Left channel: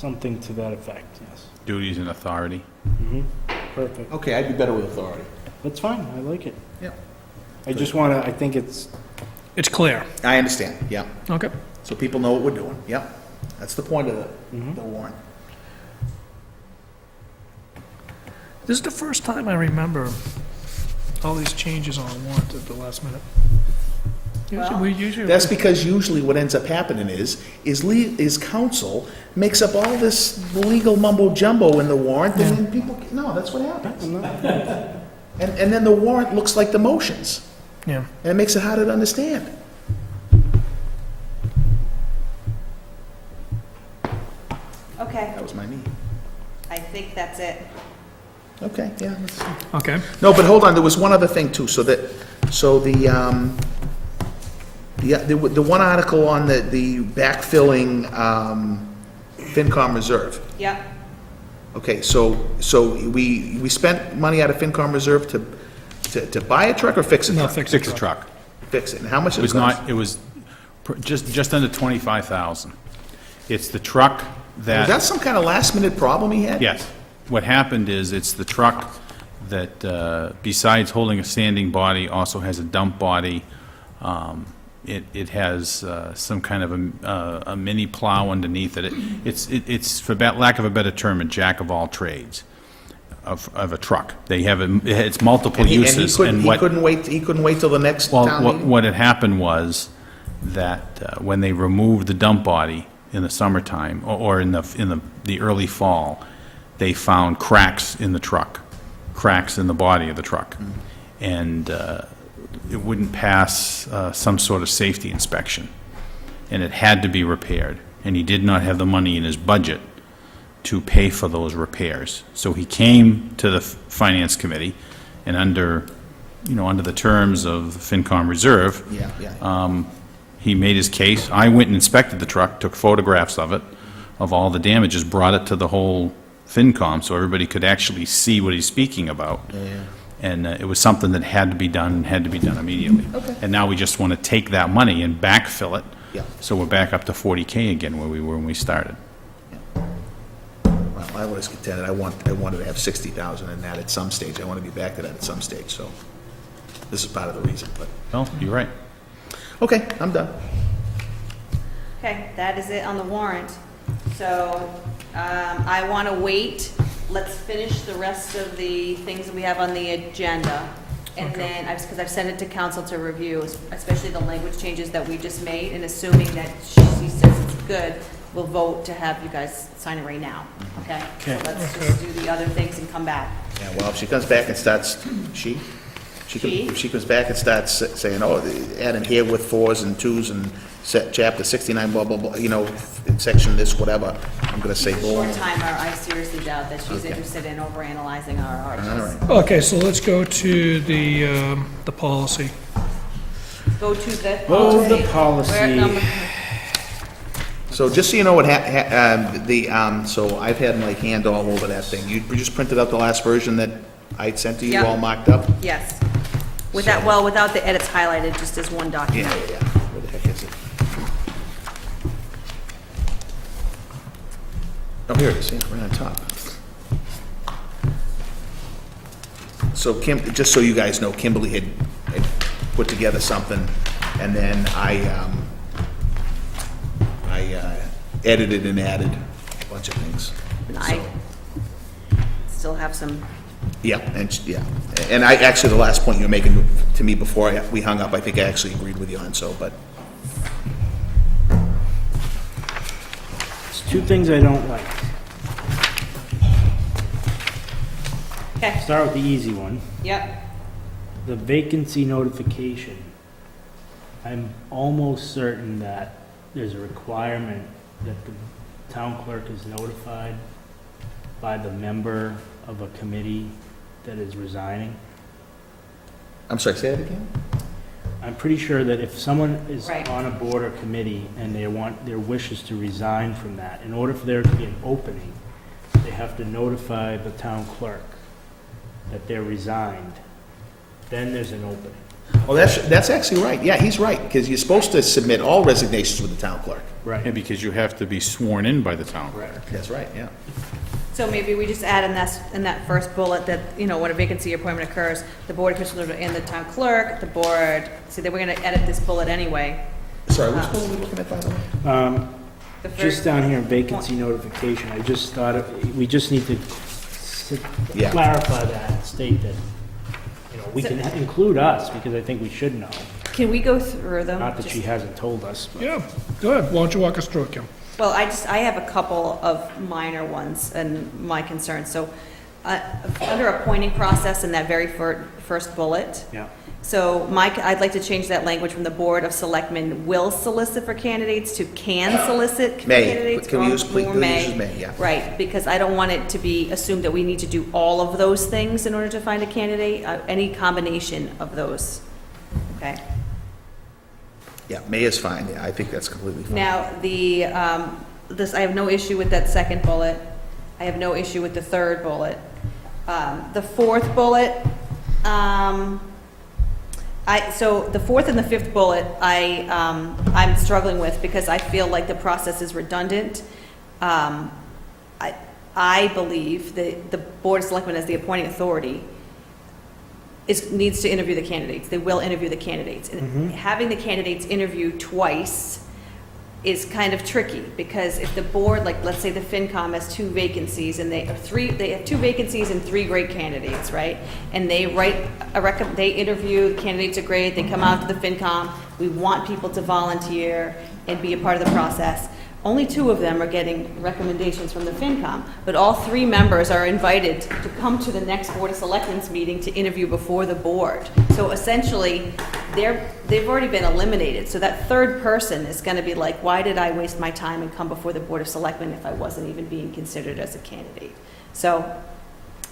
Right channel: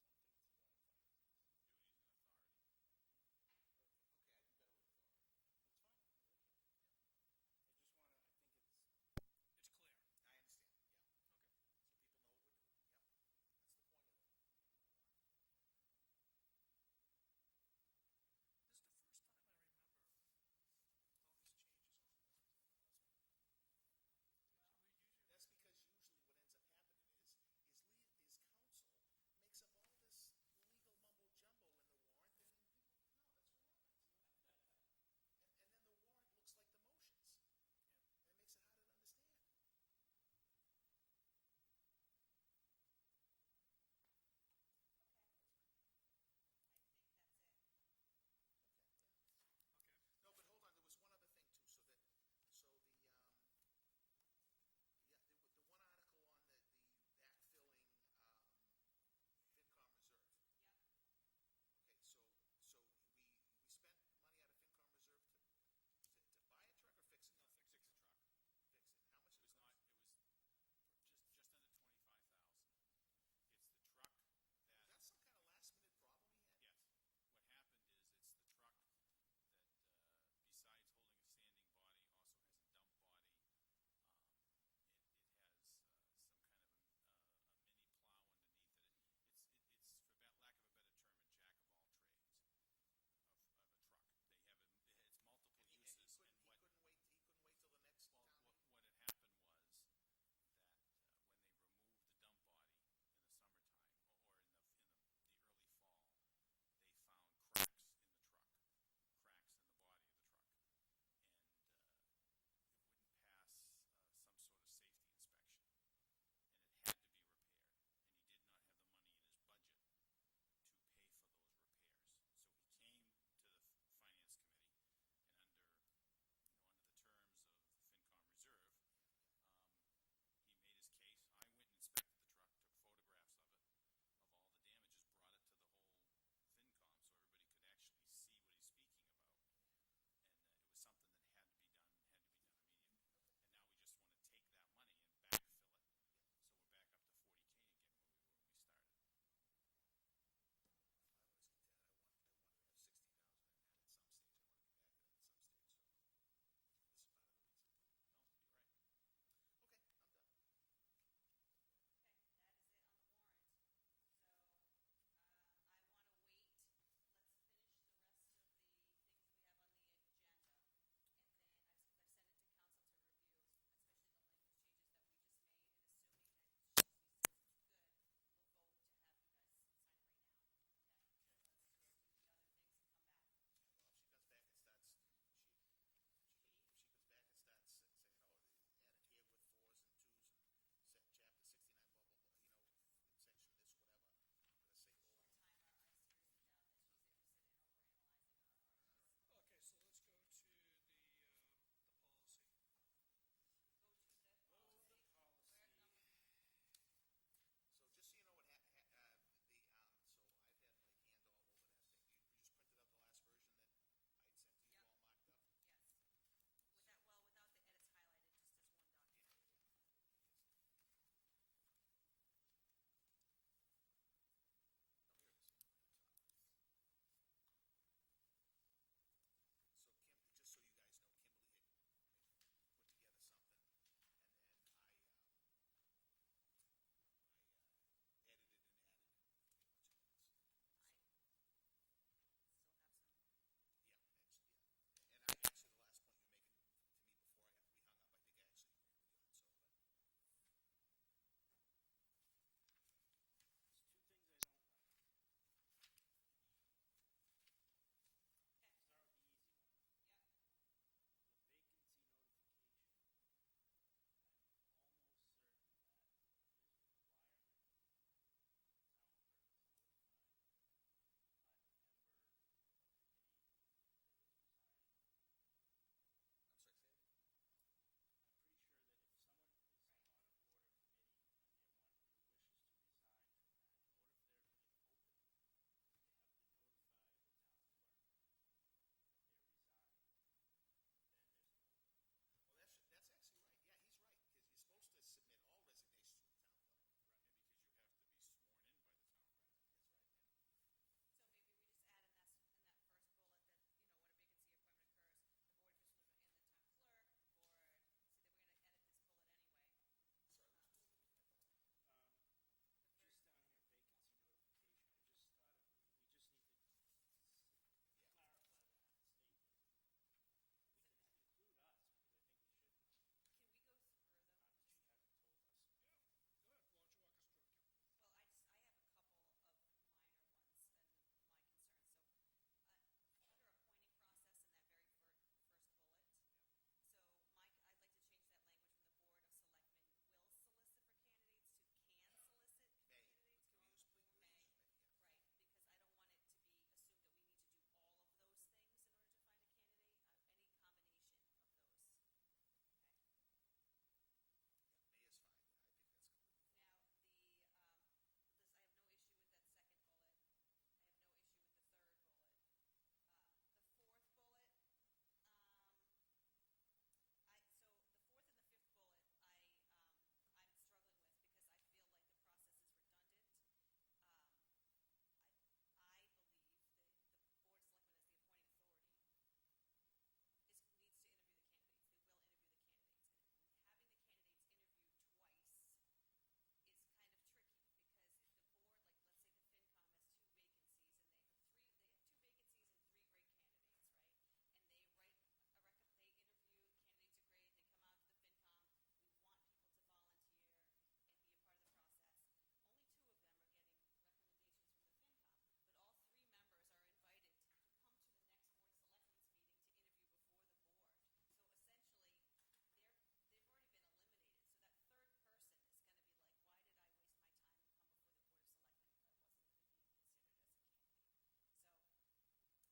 Something to that effect, yes. Duties and authority. Mm-hmm. Perfect. Okay, I'd be better with authority. That's fine, I like it. Yep. I just want to, I think it's, It's clear. I understand, yeah. Okay. So people know what we're doing, yep. That's the point of Mhm. the warrant. This is the first time I remember all these changes on a warrant at the last minute. Usually, That's because usually what ends up happening is council makes up all this legal mumbo jumbo in the warrant, and then people, no, that's what happens. And then the warrant looks like the motions, yeah. and it makes it harder to understand. Okay, That was my knee. I think that's it. Okay, yeah, let's see. Okay. No, but hold on, there was one other thing too, so the one article on the backfilling, FinCom reserve. Yep, Okay, so we spent money out of FinCom reserve to buy a truck or fix a No, truck? fix Fix the truck. Fix it, and how much It it was cost? not, it was just under 25,000. It's the truck Was that some kind of last minute problem he had? Yes. What happened is, it's the truck that, besides holding a standing body, also has a dump body. It has some kind of a mini plow underneath it. It's, for lack of a better term, a jack of all trades of a truck. They have, it's multiple And he uses. couldn't, he what- couldn't wait till the next town Well, meeting? what had happened was that when they removed the dump body in the summertime, or in the early fall, they found cracks in the truck, cracks in the body of the truck. And it wouldn't pass some sort of safety inspection. And it had to be repaired. And he did not have the money in his budget to pay for those repairs. So he came to the Finance Committee, and under the terms of the FinCom reserve, Yeah. he made his case. I went and inspected the truck, took photographs of it, of all the damages, brought it to the whole FinCom so everybody could actually see what he's speaking about. And it was something that had to be done, immediately. Okay. And now we just want to take that money and backfill it. Yeah. So we're back up to 40K again where we were when we started. Well, I was contended, I wanted to have 60,000 in that at some stage, I want to be back to that at some stage, so this is part of the reason, but, Well, you're right. okay, I'm done. okay, that is it on the warrant. So, I want to wait, let's finish the rest of the things that we have on the agenda. And then, because I've sent it to council to review, especially the language changes that we just made, and assuming that she says it's good, we'll vote to have you guys sign it right now, okay? Okay. So let's just do the other things and come back. Yeah, well, if she comes back and starts, if she comes back and starts saying, oh, adding here with 4s and 2s and set chapter 69, blah, blah, blah, in section this, whatever, I'm gonna say, boom. Short timer, I seriously doubt that she's interested in overanalyzing our All articles. right. Okay, so let's go to the policy. Go to the Oh, policy. the policy. We're at number- So just so you know what so I've had my hand all over that thing. You just printed out the last version that I sent to you, Yep. all marked up? Yes. Without the edits highlighted, just as one Yeah, document. yeah. Where the heck is it? Oh, here it is, yeah, right on top. So just so you guys know, Kimberly had put together something, and then I edited and added a bunch of things. And I still have some, Yeah, and I, actually, the last point you were making to me before we hung up, I think I actually agreed with you on, so, but, There's two things I don't like. okay, Start with the easy one. yep, The vacancy notification. I'm almost certain that there's a requirement that the town clerk is notified by the member of a committee that is resigning. I'm sorry, say that again? I'm pretty sure that if someone is Right. on a board or committee and they want, their wishes to resign from that, in order for there to be an opening, they have to notify the town clerk that they're resigned. Then there's an opening. Oh, that's actually right. Yeah, he's right, because you're supposed to submit all resignations with the town clerk. Yeah, Right. because you have to be sworn in by the town clerk. That's right, yeah. So maybe we just add in that first bullet that, you know, when a vacancy appointment occurs, the board of commissioners and the town clerk, the board, so that we're gonna edit this bullet anyway. Sorry, which one are we looking at, by the way? The first- Just down here, vacancy notification, I just thought, we just need to Yeah. clarify that, state that, you know, we So- can include us, because I think we should know. Can we go through them? Not that Just- she hasn't told us, but. Yeah, go ahead, why don't you walk us through it, Kim? Well, I have a couple of minor ones and my concerns. So, under appointing process in that very first bullet, Yeah. so I'd like to change that language from the Board of Selectmen will solicit for candidates to can solicit for May. candidates. Can we use, please, or use may, yeah. Right, because I don't want it to be assumed that we need to do all of those things in order to find a candidate, any combination of those, okay? Yeah, may is fine, yeah, I think that's completely fine. Now, I have no issue with that second bullet. I have no issue with the third bullet. The fourth bullet, so the fourth and the fifth bullet, I'm struggling with because I feel like the process is redundant. I believe that the Board of Selectmen as the appointing authority needs to interview the candidates. They will interview the candidates. And having the candidates interview twice is kind of tricky, because if the board, like, let's say the FinCom has two vacancies, and they have two vacancies and three great candidates, right? And they they interview, the candidates are great, they come out to the FinCom, we want people to volunteer and be a part of the process. Only two of them are getting recommendations from the FinCom, but all three members are invited to come to the next Board of Selectmen's meeting to interview before the board. So essentially, they've already been eliminated. So that third person is gonna be like, why did I waste my time and come before the Board of Selectmen if I wasn't even being considered as a candidate? So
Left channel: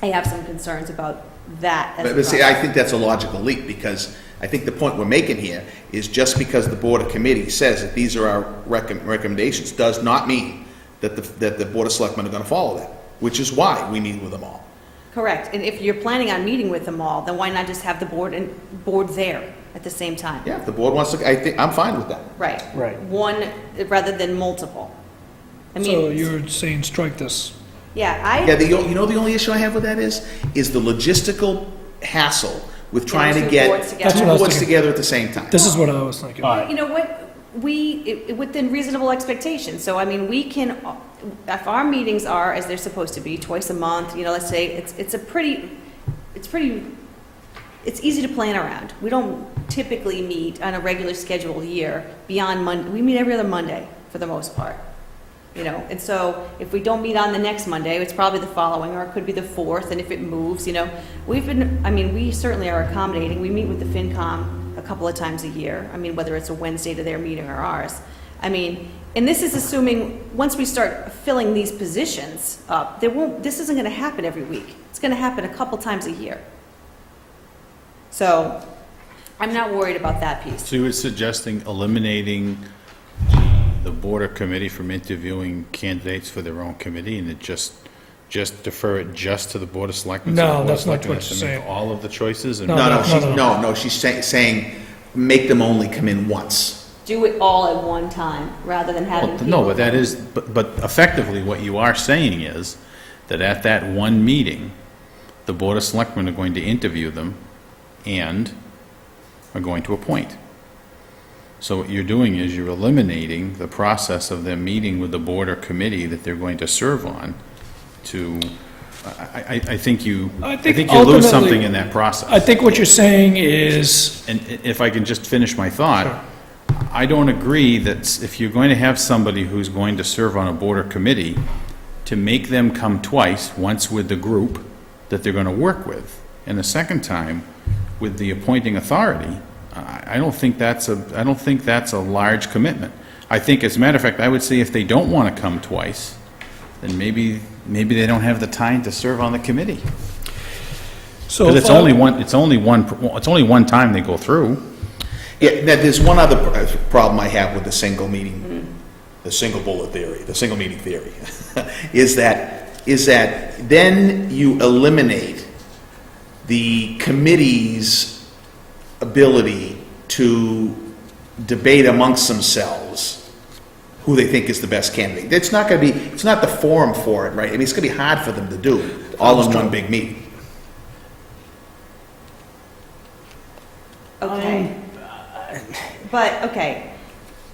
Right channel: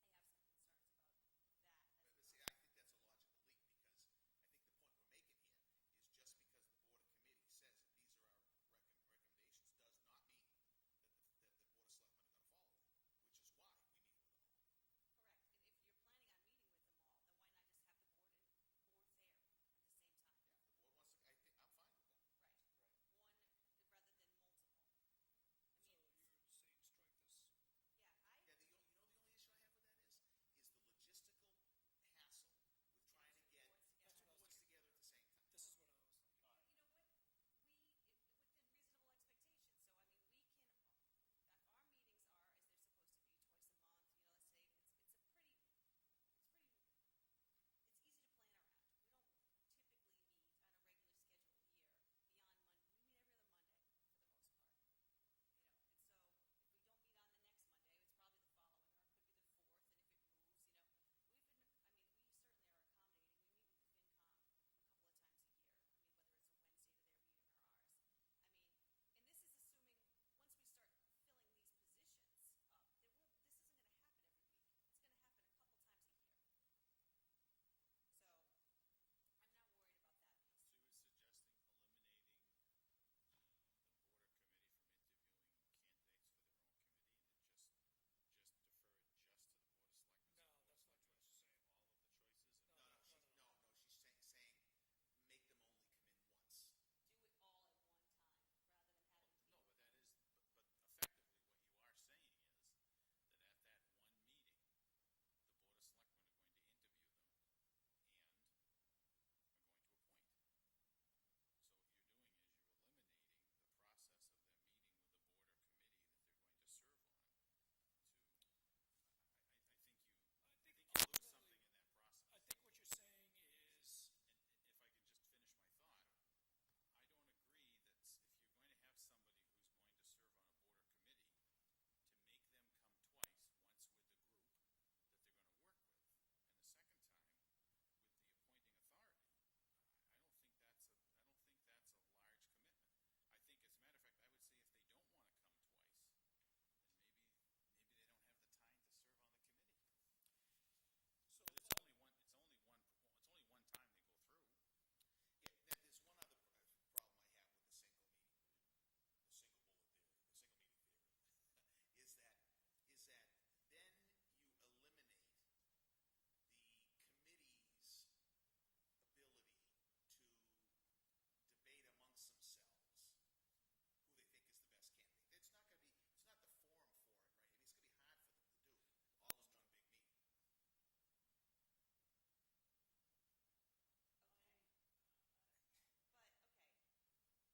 I have some concerns about that as a But see, I process. think that's a logical leap, because I think the point we're making here is just because the Board of Committee says that these are our recommendations, does not mean that the Board of Selectmen are gonna follow that, which is why we meet with them all. Correct, and if you're planning on meeting with them all, then why not just have the board there at the same time? Yeah, if the board wants to, I think, I'm fine with that. Right. Right. One rather than multiple. I So mean, you're saying strike this? yeah, Yeah, you know the only issue I have with that is the logistical hassle with trying to two get boards together. That's what I was boards thinking. together at the same time. This is what I was thinking. All right. You know what, within reasonable expectations, so I mean, we can, if our meetings are as they're supposed to be, twice a month, you know, let's say, it's easy to plan around. We don't typically meet on a regular scheduled year beyond Monday, we meet every other Monday for the most part. You know, and so if we don't meet on the next Monday, it's probably the following, or it could be the fourth, and if it moves, you know, we certainly are accommodating. We meet with the FinCom a couple of times a year. I mean, whether it's a Wednesday to their meeting or ours. I mean, and this is assuming, once we start filling these positions up, this isn't gonna happen every week. It's gonna happen a couple times a year. So, I'm not worried about that piece. So you were suggesting eliminating the board or committee from interviewing candidates for their own committee, and it just defer it just to the Board of Selectmen? So No, the Board of that's not Selectmen what has to she's make saying. all of the choices? And No, she's saying, make them only come in once. Do it all at one time, rather than having Well, people. no, but that is, but effectively, what you are saying is that at that one meeting, the Board of Selectmen are going to interview them and are going to appoint. So what you're doing is you're eliminating the process of them meeting with the board or committee that they're going to serve on to, I think you lose ultimately- something in that process. I think what you're saying is, And if I can just finish my thought, I don't agree that if you're going to have somebody who's going to serve on a board or committee, to make them come twice, once with the group that they're going to work with, and the second time with the appointing authority, I don't think that's a large commitment. I think, as a matter of fact, I would say if they don't want to come twice, then maybe they don't have the time to serve on the committee. so Because if it's only one time they go through. Yeah, now, there's one other problem I have with the single meeting, the single bullet theory, the single meeting theory, is that then you eliminate the committee's ability to debate amongst themselves who they think is the best candidate. It's not gonna be, it's not the forum for it, right? I mean, it's gonna be hard for them to do, all in one big meeting. Okay. But, okay,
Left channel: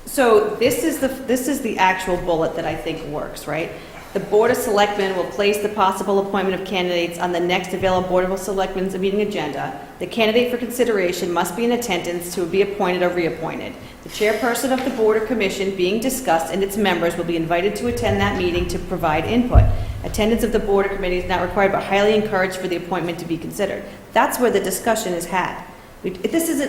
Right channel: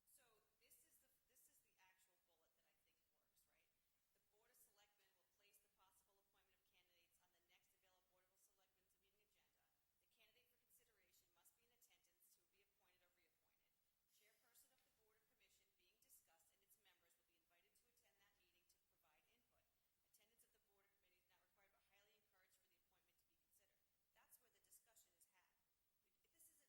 so this is the actual bullet that I think works, right? The Board of Selectmen will place the possible appointment of candidates on the next available Board of Selectmen's meeting agenda. The candidate for consideration must be in attendance to be appointed or reappointed. The chairperson of the board or commission being discussed and its members will be invited to attend that meeting to provide input. Attendance of the board or committee is not required but highly encouraged for the appointment to be considered. That's where the discussion is had. This is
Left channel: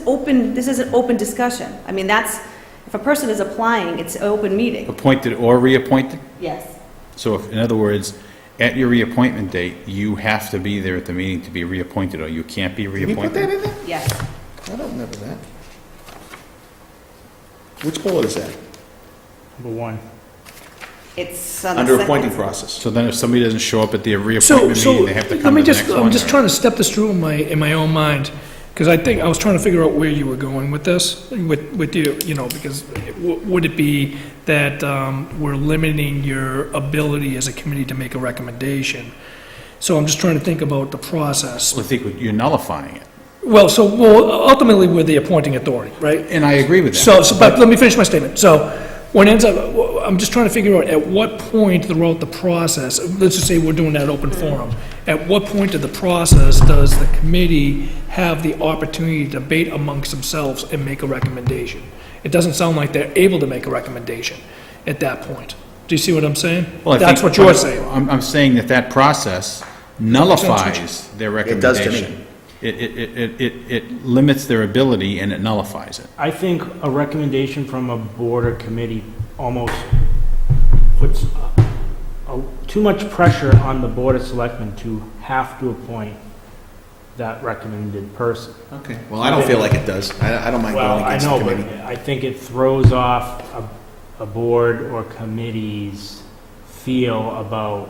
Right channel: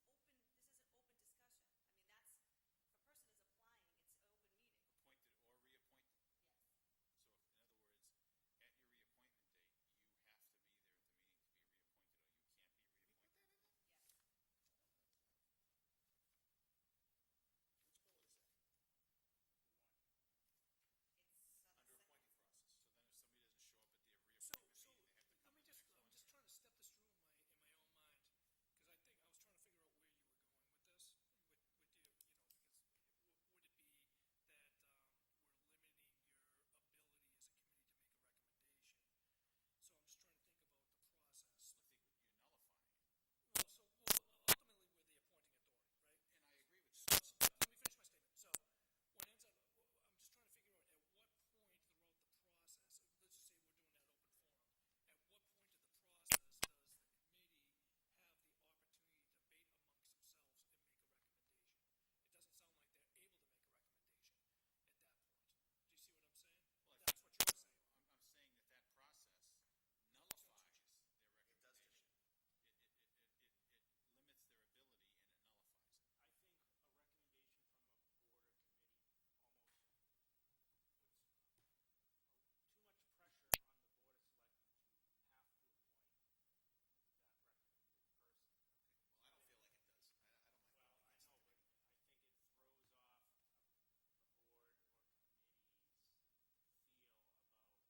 an open discussion. I mean, if a person is applying, it's an open meeting. Appointed or reappointed? Yes. So if, in other words, at your reappointment date, you have to be there at the meeting to be reappointed, or you can't be Did we put that reappointed? in there? Yes. I don't remember that. Which bullet is that? Number one. It's on the Under second- appointing process. So then if somebody doesn't show up at the So, reappointment meeting, they have to let come me to the just, next one? I'm just or- trying to step this through in my own mind, because I think, I was trying to figure out where you were going with this, with you know, because would it be that we're limiting your ability as a committee to make a recommendation? So I'm just trying to think about the process. I think you're nullifying it. Well, ultimately, we're the appointing authority, right? And I agree with that. But let me finish my statement. So, when it ends up, I'm just trying to figure out at what point throughout the process, let's just say we're doing that open forum, at what point of the process does the committee have the opportunity to debate amongst themselves and make a recommendation? It doesn't sound like they're able to make a recommendation at that point. Do you see what I'm saying? Well, I That's think- what you're saying. I'm saying that process nullifies their It does to me. recommendation. It limits their ability and it nullifies it. I think a recommendation from a board or committee almost puts too much pressure on the Board of Selectmen to have to appoint that recommended person. Okay, well, I don't feel like it does. I don't mind Well, going I against the know, but committee. I think it throws off a board or committee's feel about,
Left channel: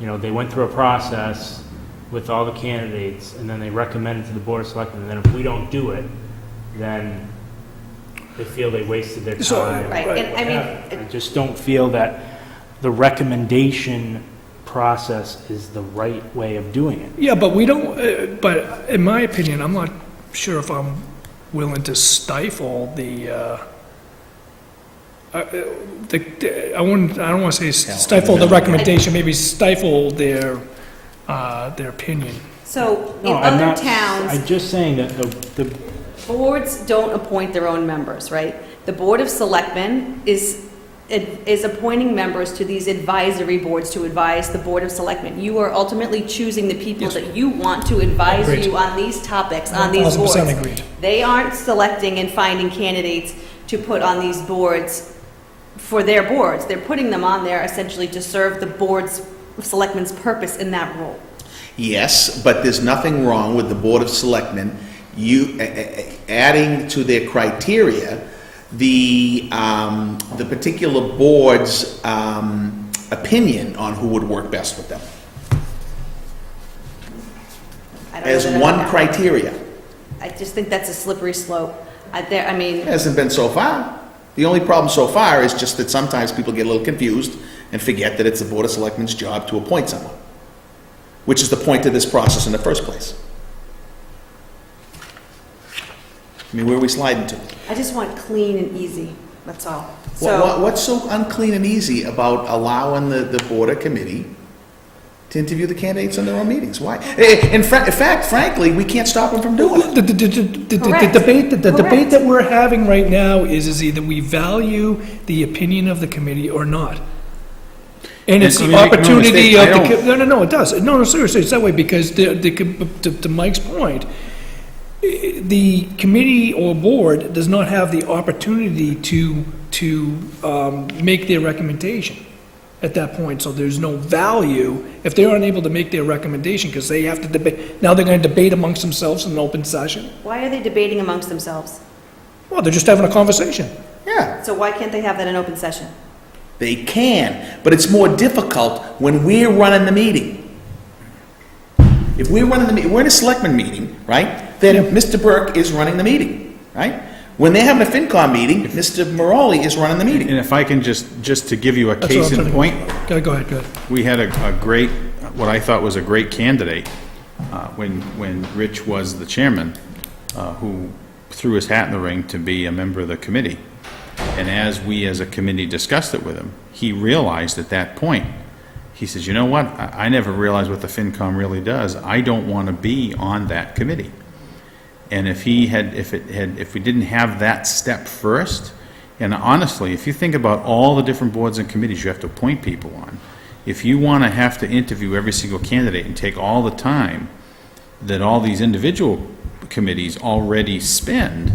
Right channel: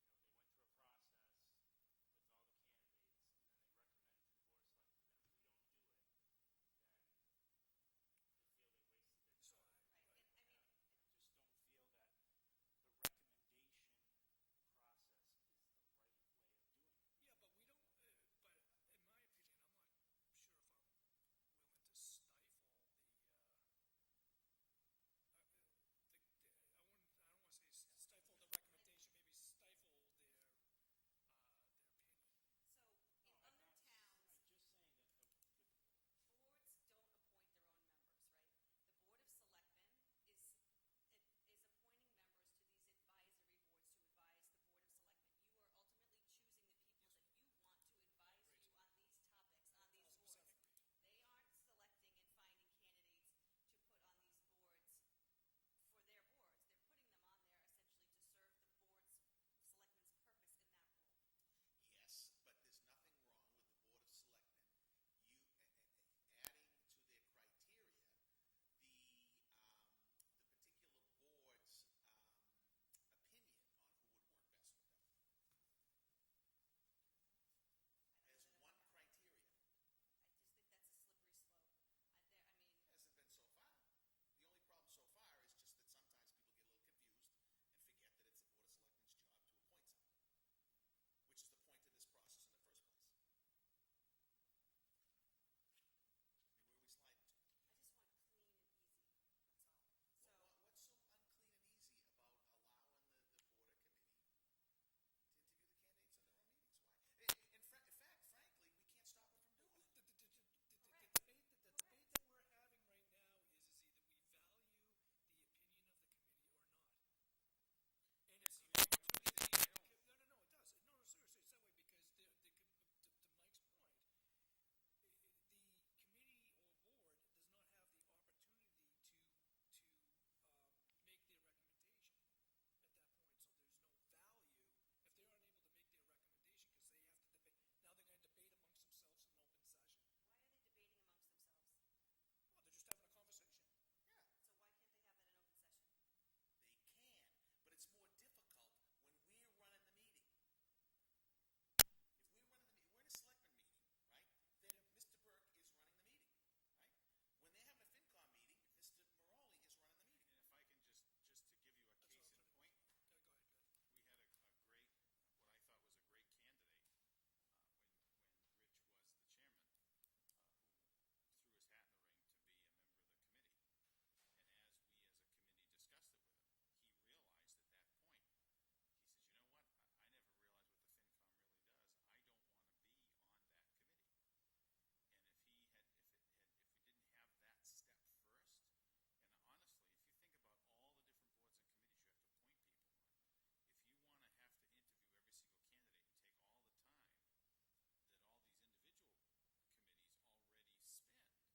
they went through a process with all the candidates, and then they recommend it to the Board of Selectmen, and then if we don't do it, then they feel they wasted their So- time. Right, and I mean, I just don't feel that the recommendation process is the right way of doing it. Yeah, but we don't, but in my opinion, I'm not sure if I'm willing to stifle I don't want to say stifle the recommendation, maybe stifle their opinion. so in No, I'm other not- towns, I'm just saying that the boards don't appoint their own members, right? The Board of Selectmen is appointing members to these advisory boards to advise the Board of Selectmen. You are ultimately choosing the people Yes. that you want to advise Agreed. you on these topics, on these boards. 1,000% agreed. They aren't selecting and finding candidates to put on these boards for their boards. They're putting them on there essentially to serve the Board's, Selectmen's purpose in that role. Yes, but there's nothing wrong with the Board of Selectmen, adding to their criteria the particular board's opinion on who would work best with them, I don't know as that I one have- criteria. I just think that's a slippery slope. I mean, It hasn't been so far. The only problem so far is just that sometimes people get a little confused and forget that it's the Board of Selectmen's job to appoint someone, which is the point of this process in the first place. I mean, where are we sliding to? I just want clean and easy, that's all. So, What's so unclean and easy about allowing the board or committee to interview the candidates in their own meetings? Why? In fact, frankly, we can't stop them from doing it. The Correct. debate Correct. that we're having right now is either we value the opinion of the committee or not. And it's And, the I mean, make no opportunity mistake, of I the, no, it does. No, seriously, it's that way because to Mike's point, the committee or board does not have the opportunity to make their recommendation at that point. So there's no value if they're unable to make their recommendation because they have to debate. Now they're going to debate amongst themselves in an open session. why are they debating amongst themselves? Well, they're just having a conversation. Yeah, So why can't they have that in open session? they can, but it's more difficult when we're running the meeting. If we're running the meeting, we're in a selectman meeting, right? Then Mr. Burke is running the meeting, right? When they're having a FinCom meeting, Mr. Morali is running the meeting. And if I can just to give you a That's what case I'm in trying point, to- Go ahead, go ahead. we had a great, what I thought was a great candidate, when Rich was the chairman, who threw his hat in the ring to be a member of the committee. And as we as a committee discussed it with him, he realized at that point, he says, you know what, I never realized what the FinCom really does. I don't want to be on that committee. And if we didn't have that step first, and honestly, if you think about all the different boards and committees you have to appoint people on, if you want to have to interview every single candidate and take all the time that all these individual committees already spend,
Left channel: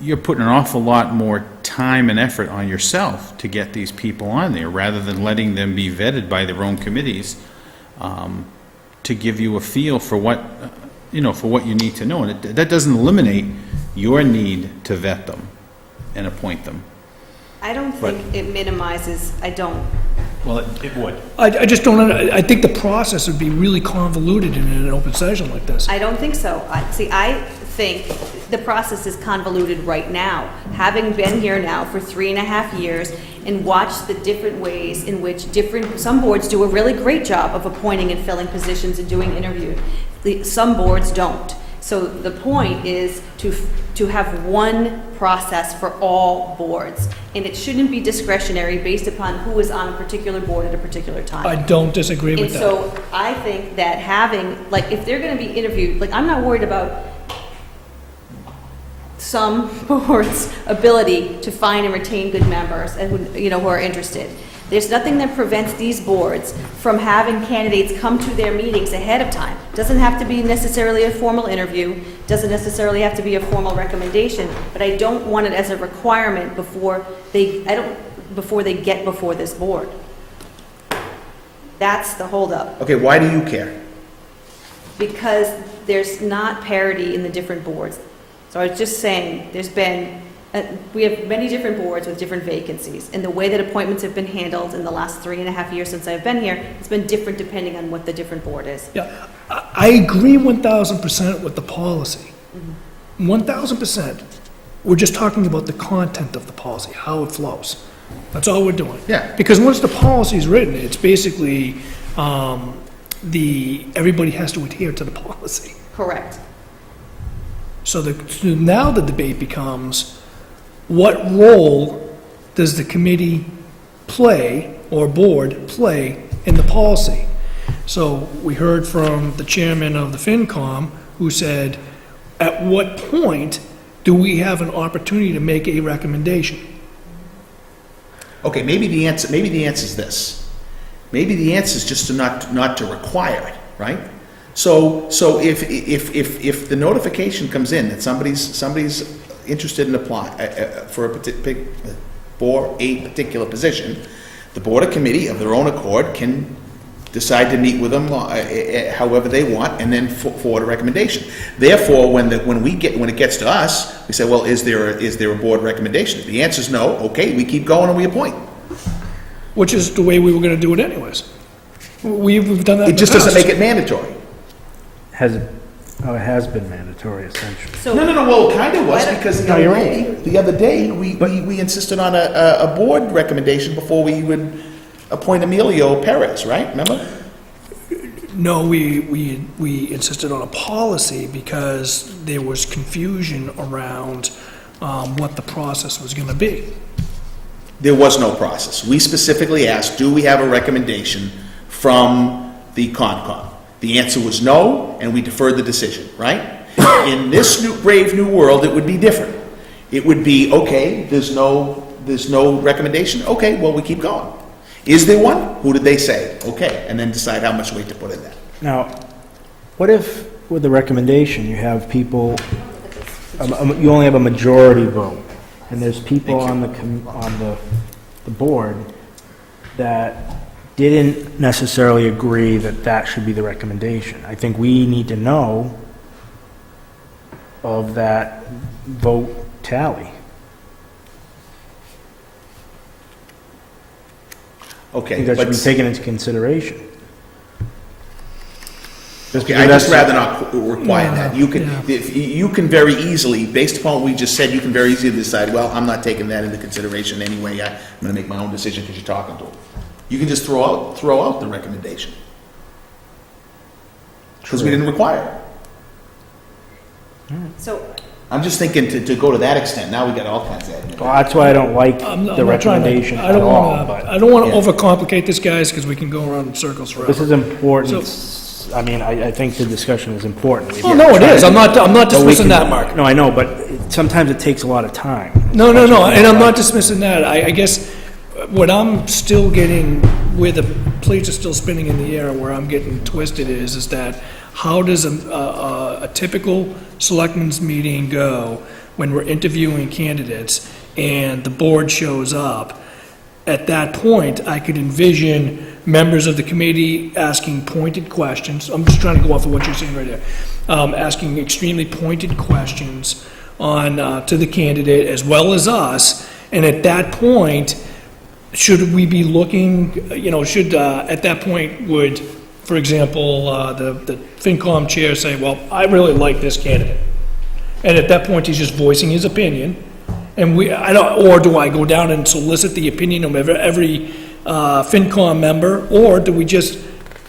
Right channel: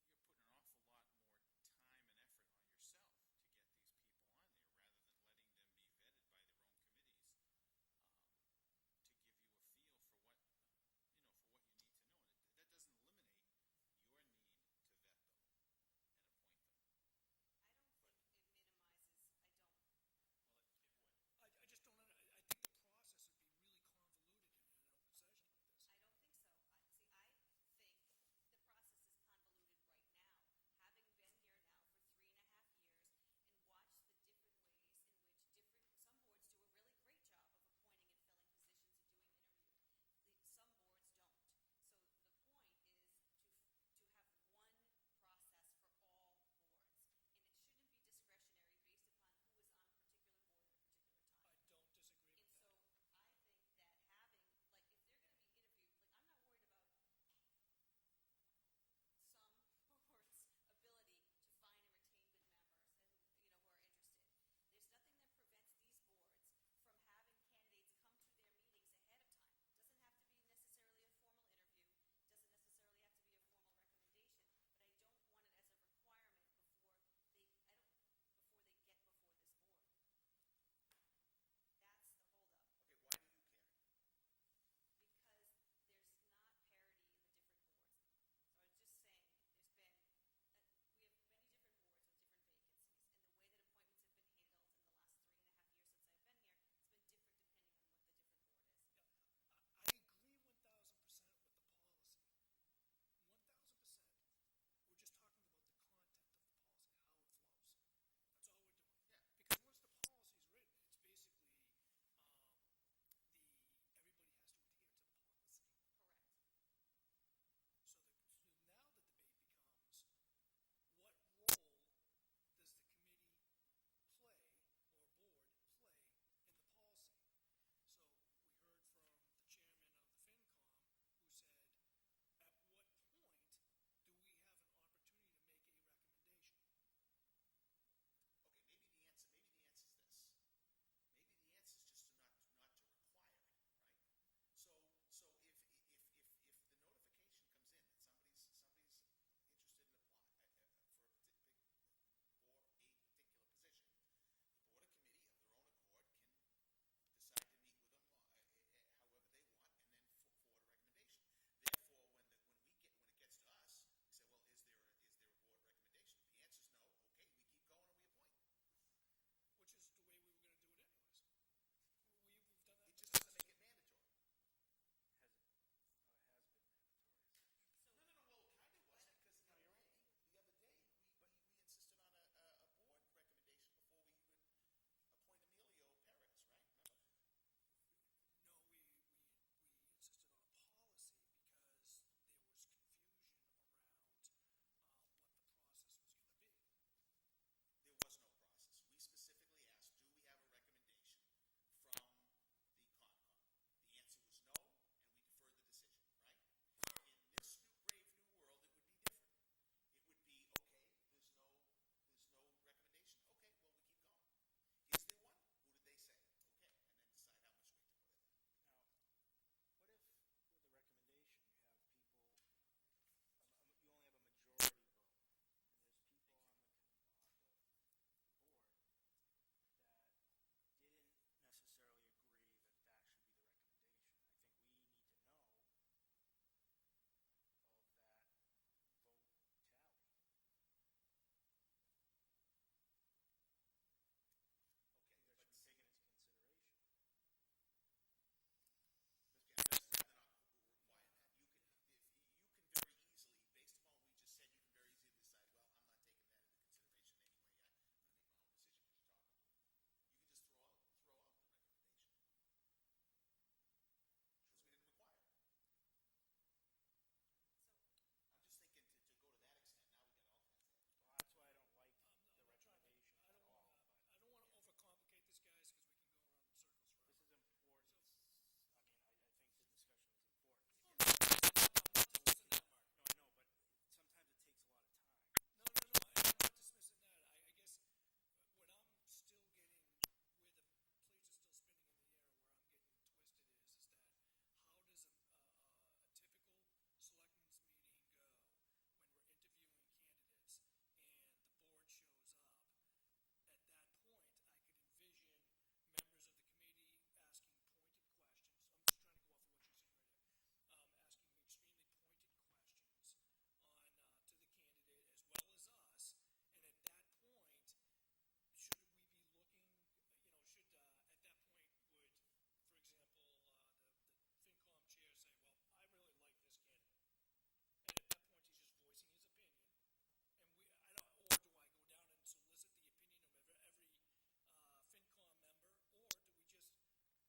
you're putting an awful lot more time and effort on yourself to get these people on there, rather than letting them be vetted by their own committees, to give you a feel for what, for what you need to know. And that doesn't eliminate your need to vet them and appoint them. I don't But- think it minimizes, I don't. Well, it would. I just don't, I think the process would be really convoluted in an open session like this. I don't think so. I think the process is convoluted right now. Having been here now for 3.5 years and watched the different ways in which some boards do a really great job of appointing and filling positions and doing interviews. Some boards don't. So the point is to have one process for all boards. And it shouldn't be discretionary based upon who is on a particular board at a particular time. I don't disagree And with that. so I think that having, if they're gonna be interviewed, I'm not worried about some boards' ability to find and retain good members and who are interested. There's nothing that prevents these boards from having candidates come to their meetings ahead of time. Doesn't have to be necessarily a formal interview, doesn't necessarily have to be a formal recommendation, but I don't want it as a requirement before they get before this board. That's the holdup. Okay, why do you care? Because there's not parity in the different boards. So I was just saying, we have many different boards with different vacancies, and the way that appointments have been handled in the last 3.5 years since I've been here, it's been different depending on what the different board is. Yeah, I agree 1,000% with the policy. 1,000%. We're just talking about the content of the policy, how it flows. That's all we're doing. Yeah. Because once the policy is written, it's basically, everybody has to adhere to the policy. Correct. So now the debate becomes, what role does the committee play, or board play, in the policy? So we heard from the chairman of the FinCom, who said, at what point do we have an opportunity to make a recommendation? Okay, maybe the answer is this. Maybe the answer is just to not to require it, right? So if the notification comes in that somebody's interested in applying for a particular position, the board or committee of their own accord can decide to meet with them however they want, and then forward a recommendation. Therefore, when it gets to us, we say, well, is there a board recommendation? If the answer is no, okay, we keep going and we appoint. Which is the way we were gonna do it anyways. We've done that in It the just doesn't past. make it mandatory. It has been mandatory essentially. So, No, well, it kind of was, Why don't- because No, you're the other day, we insisted on a board recommendation before we would appoint Emilio Perez, right? Remember? No, we insisted on a policy because there was confusion around what the process was gonna be. There was no process. We specifically asked, do we have a recommendation from the Concom? The answer was no, and we deferred the decision, right? In this brave new world, it would be different. It would be, okay, there's no recommendation, okay, well, we keep going. Is there one? Who did they say? Okay, and then decide how much weight to put in that. Now, what if with the recommendation, you have people, you only have a majority vote, and there's people on the board that didn't necessarily agree that that should be the recommendation? I think we need to know of that vote tally. I Okay, think that should but be taken into consideration. I'd just rather not require that. You can, Yeah. you can very easily, based upon what we just said, you can very easily decide, well, I'm not taking that into consideration anyway, I'm gonna make my own decision because you're talking to them. You can just throw out the recommendation. Because we didn't require it. So, I'm just thinking to go to that extent, now we got all kinds of admin. Well, that's why I don't like I'm the not trying to, recommendation I at don't all, wanna, but I don't wanna Yeah. overcomplicate this, guys, because we can go around in circles forever. this is important. I mean, I think the discussion is important. Oh, no, it is. I'm not dismissing that, Mark. No, I know, but sometimes it takes a lot of time. No, and I'm not dismissing that. I guess what I'm still getting, where the plates are still spinning in the air, where I'm getting twisted is that how does a typical selectmen's meeting go when we're interviewing candidates and the board shows up? At that point, I could envision members of the committee asking pointed questions. I'm just trying to go off of what you're saying right there. Asking extremely pointed questions to the candidate as well as us. And at that point, should we be looking, at that point, would, for example, the FinCom chair say, well, I really like this candidate. And at that point, he's just voicing his opinion. And or do I go down and solicit the opinion of every FinCom member? Or do we just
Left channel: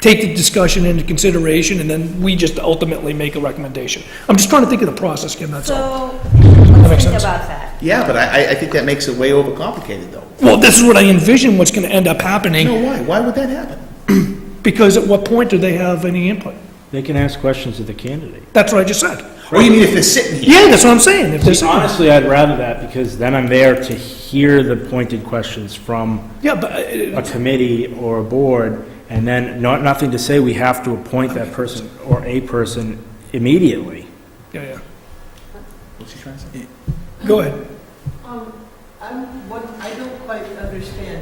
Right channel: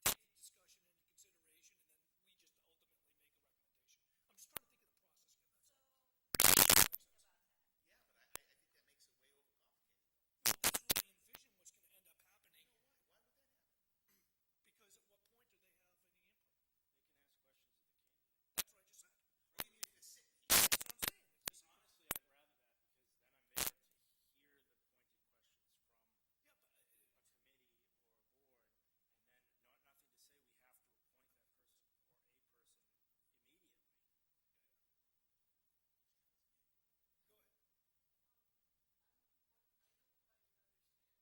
take the discussion into consideration and then we just ultimately make a recommendation? I'm just trying to think of the process, Kim, that's all. so, That makes let's think sense. about that. Yeah, but I think that makes it way overcomplicated, though. Well, this is what I envision what's gonna end up happening, No, why? Why would that happen? because at what point do they have any input? They can ask questions of the candidate. That's what I just said. Oh, you mean if they're sitting here? Yeah, that's what I'm saying. If there's, Honestly, I'd rather that, because then I'm there to hear the pointed questions from yeah, but, a committee or a board, and then nothing to say we have to appoint that person or a person immediately. yeah. What's he trying to say? Go ahead. What I don't quite understand,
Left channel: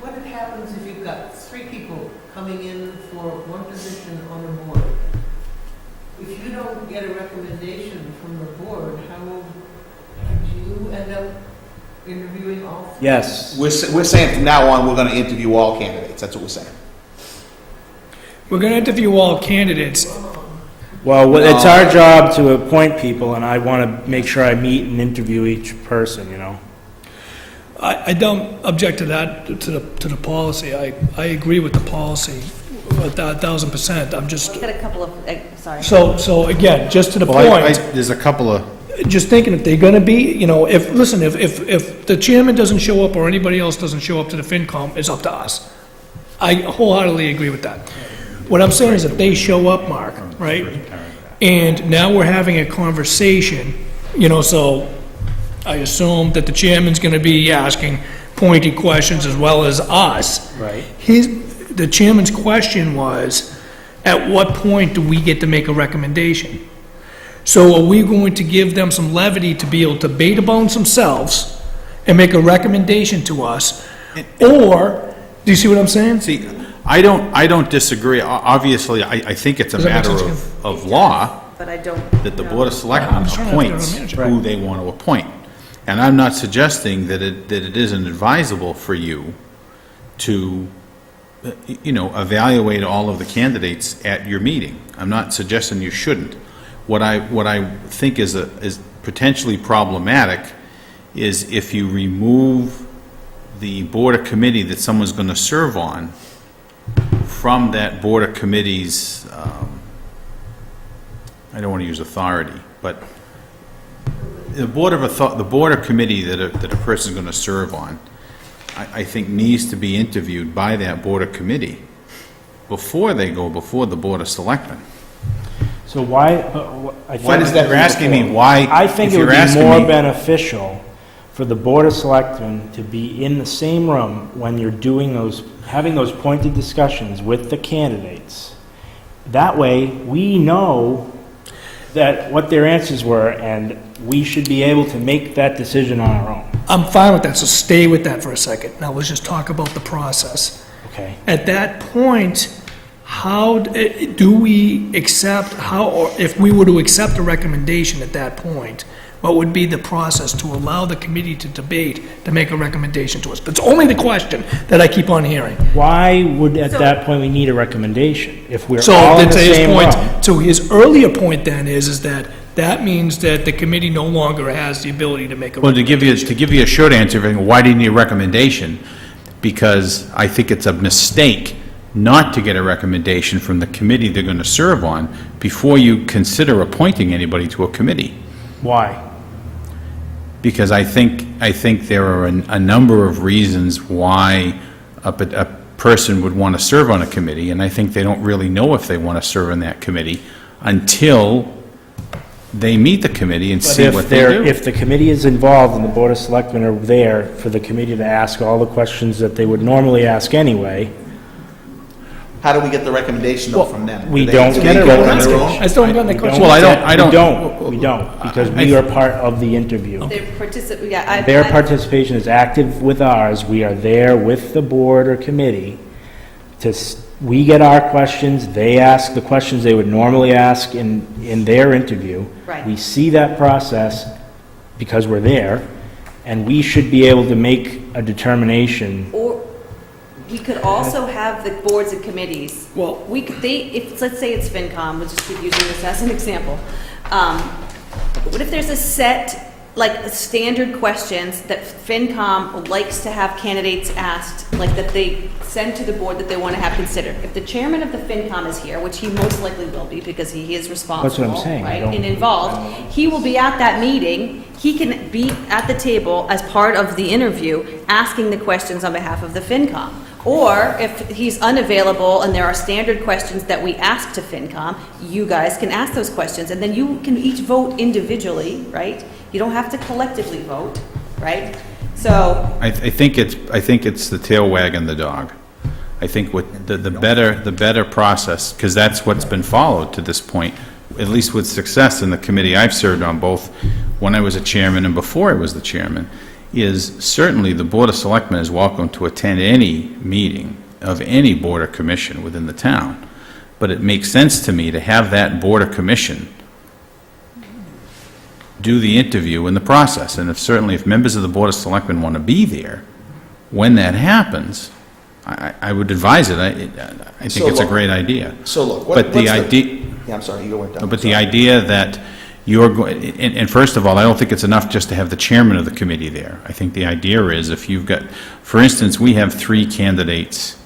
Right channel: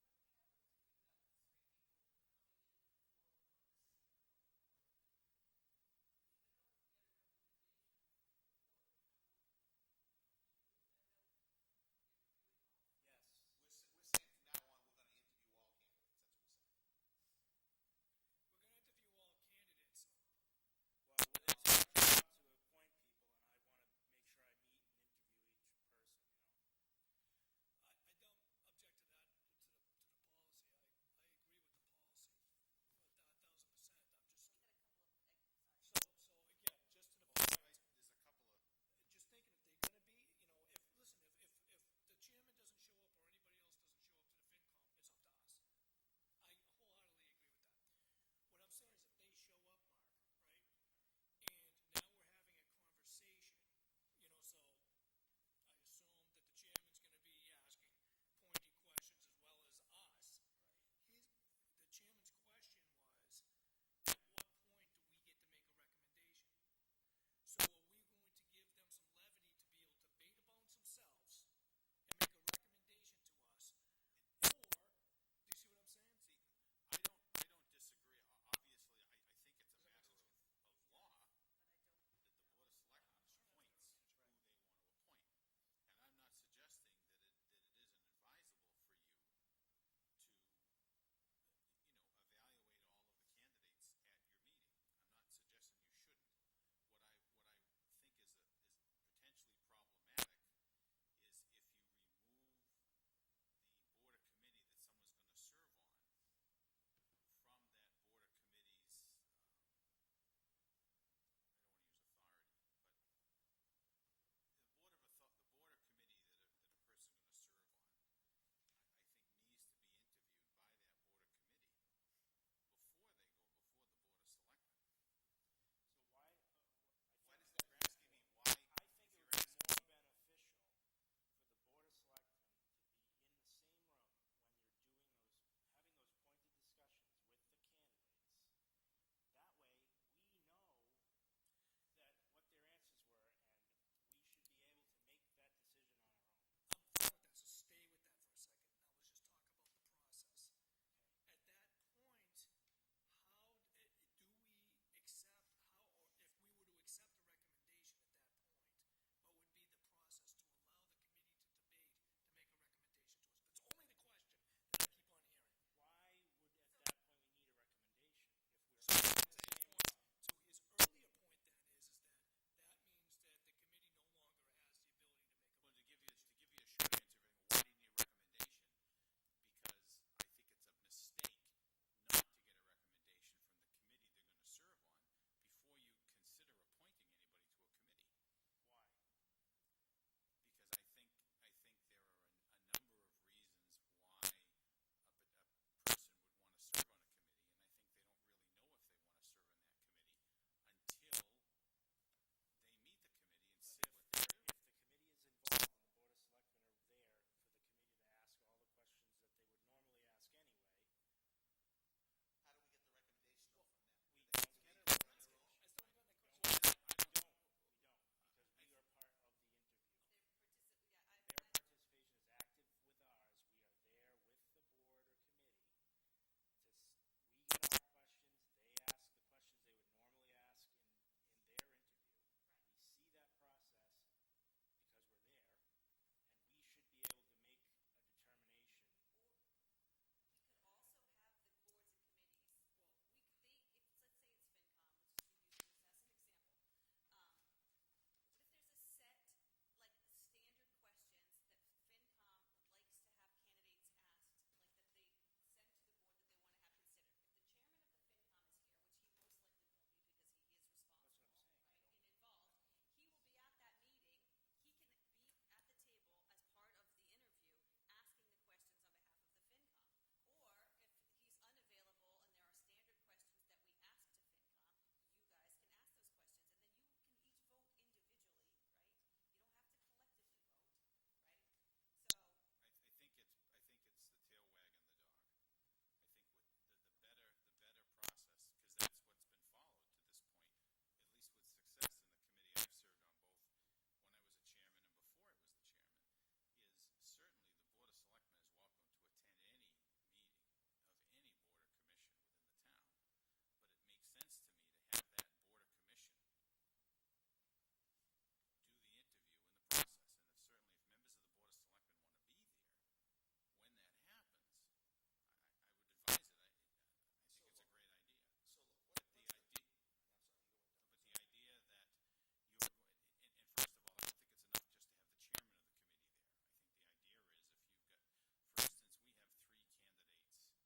what happens if you've got 3 people coming in for one position on a board? If you don't get a recommendation from the board, how do you end up interviewing all 3? Yes. We're saying from now on, we're gonna interview all candidates, that's what we're saying. We're gonna interview all candidates. Well, it's our job to appoint people, and I want to make sure I meet and interview each person, you know? I don't object to that, to the policy. I agree with the policy, 1,000%. I'm just, Got a couple of, sorry. so again, just to the Well, point, there's a couple of, just thinking if they're gonna be, if the chairman doesn't show up or anybody else doesn't show up to the FinCom, it's up to us. I wholeheartedly agree with that. What I'm saying is if they show up, Mark, right? And now we're having a conversation, so I assume that the chairman's gonna be asking pointed questions as well as us. Right. The chairman's question was, at what point do we get to make a recommendation? So are we going to give them some levity to be able to beta bones themselves and make a recommendation to us? Or, do you see what I'm saying? see, I don't disagree. Obviously, I think it's a Does that make matter sense, of law But I don't. that the know. Board of Selectmen I'm just trying to figure out appoints how to manage it. who they want to appoint. And I'm not suggesting that it isn't advisable for you to, evaluate all of the candidates at your meeting. I'm not suggesting you shouldn't. What I think is potentially problematic is if you remove the board or committee that someone's going to serve on from that board or committee's, I don't want to use authority, but the board or committee that a person's going to serve on, I think needs to be interviewed by that board or committee before they go before the Board of Selectmen. So why, Why does that? You're asking me why, I think if it would you're be asking more me, beneficial for the Board of Selectmen to be in the same room when you're having those pointed discussions with the candidates. That way, we know what their answers were, and we should be able to make that decision on our own. I'm fine with that, so stay with that for a second. Now, let's just talk about the process. Okay. At that point, how do we accept, or if we were to accept a recommendation at that point, what would be the process to allow the committee to debate, to make a recommendation to us? But it's only the question that I keep on hearing. Why would, at So- that point, we need a recommendation? If we're So all in then the to his same point, room? so his earlier point then is that that means that the committee no longer has the ability to make a Well, recommendation. to give you a short answer, why do you need a recommendation? Because I think it's a mistake not to get a recommendation from the committee they're going to serve on before you consider appointing anybody to a committee. Why? Because I think there are a number of reasons why a person would want to serve on a committee, and I think they don't really know if they want to serve on that committee until they meet the committee and see what they do. If the committee is involved and the Board of Selectmen are there for the committee to ask all the questions that they would normally ask anyway, How do we get the recommendation though from them? we Do don't do get they a go on their recommendation. own? I still haven't gotten the We question. Well, I We don't- don't, because I- we are part of the interview. They participate, yeah, Their participation is active with ours. We are there with the board or committee we get our questions, they ask the questions they would normally ask in their interview. Right. We see that process because we're there, and we should be able to make a determination. Or we could also have the boards and committees. Well- We could, let's say it's FinCom, we'll just keep using this as an example. What if there's a set, like, standard questions that FinCom likes to have candidates asked, like, that they send to the board that they want to have considered? If the chairman of the FinCom is here, which he most likely will be because he is responsible, saying, I right, don't- and involved, he will be at that meeting, he can be at the table as part of the interview, asking the questions on behalf of the FinCom. Or if he's unavailable and there are standard questions that we ask to FinCom, you guys can ask those questions, and then you can each vote individually, right? You don't have to collectively vote, right? So, I think it's the tail wagging the dog. I think what the better process, because that's what's been followed to this point, at least with success in the committee I've served on, both when I was a chairman and before I was the chairman, is certainly the Board of Selectmen is welcome to attend any meeting of any board or commission within the town. But it makes sense to me to have that board or commission do the interview in the process. And if members of the Board of Selectmen want to be there, when that happins, I would advise it. I think So it's a look- great idea. So look, But the idea, Yeah, I'm sorry, you went down. but the idea that you're going, and first of all, I don't think it's enough just to have the chairman of the committee there. I think the idea is if you've got, for instance, we have 3 candidates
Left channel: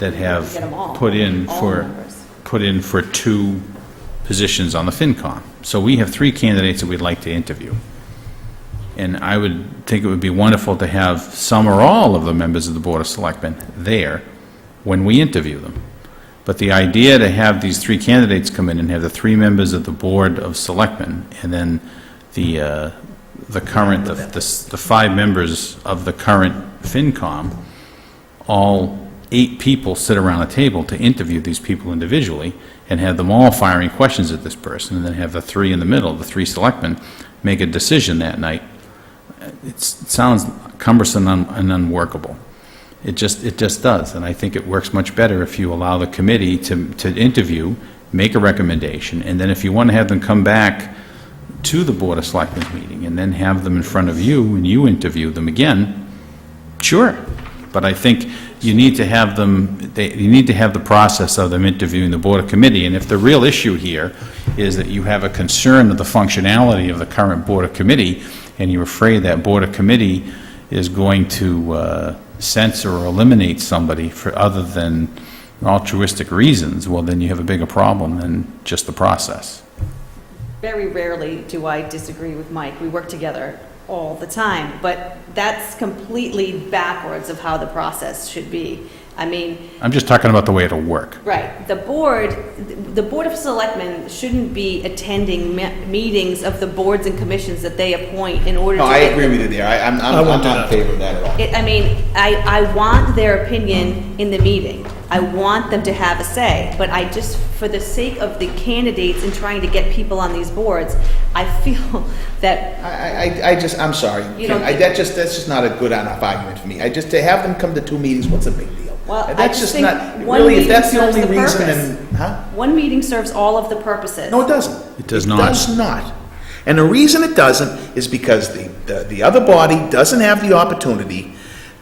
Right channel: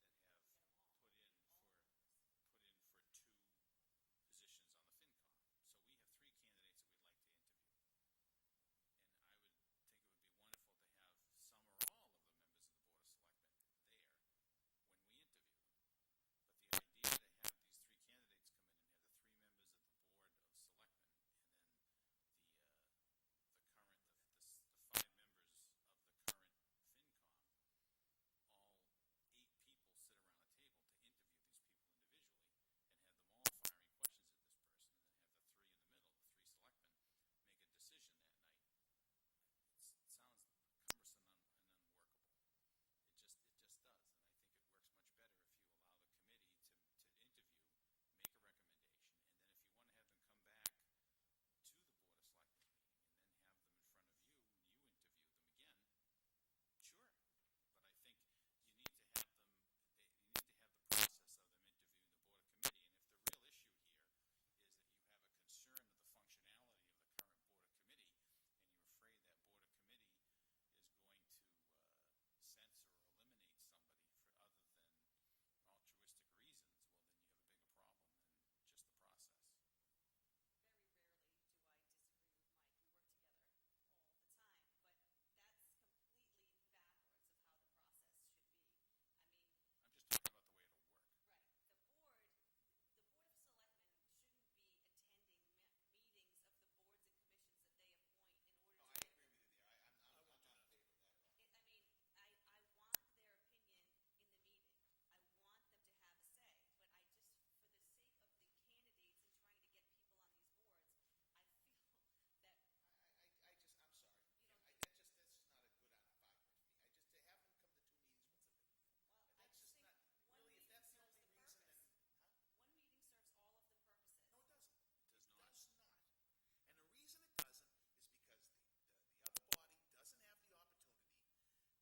that have get them all, put in all for, members. 2 positions on the FinCom. So we have 3 candidates that we'd like to interview. And I would think it would be wonderful to have some or all of the members of the Board of Selectmen there when we interview them. But the idea to have these 3 candidates come in and have the 3 members of the Board of Selectmen, and then the 5 members of the current FinCom, all 8 people sit around a table to interview these people individually, and have them all firing questions at this person, and then have the 3 in the middle, the 3 selectmen, make a decision that night. It sounds cumbersome and unworkable. It just does, and I think it works much better if you allow the committee to interview, make a recommendation, and then if you want to have them come back to the Board of Selectmen's meeting, and then have them in front of you, and you interview them again, sure. But I think you need to have them, you need to have the process of them interviewing the Board of Committee, and if the real issue here is that you have a concern of the functionality of the current Board of Committee, and you're afraid that Board of Committee is going to censor or eliminate somebody for other than altruistic reasons, well, then you have a bigger problem than just the process. Very rarely do I disagree with Mike. We work together all the time, but that's completely backwards of how the process should be. I mean, I'm just talking about the way it'll work. right, the Board of Selectmen shouldn't be attending meetings of the boards and commissions that they appoint in order to No, I get agree with you there. I'm wouldn't do not in that. favor of that at all. I mean, I want their opinion in the meeting. I want them to have a say, but I just, for the sake of the candidates and trying to get people on these boards, I feel that, I'm sorry. You don't That's just not a good enough argument for me. To have them come to 2 meetings, what's a big deal? Well, I That's just just think not, one really, if meeting that's the serves only the reason, purpose. then, huh? one meeting serves all of the purposes. No, it doesn't. It does It not. does not. And the reason it doesn't is because the other body doesn't have the opportunity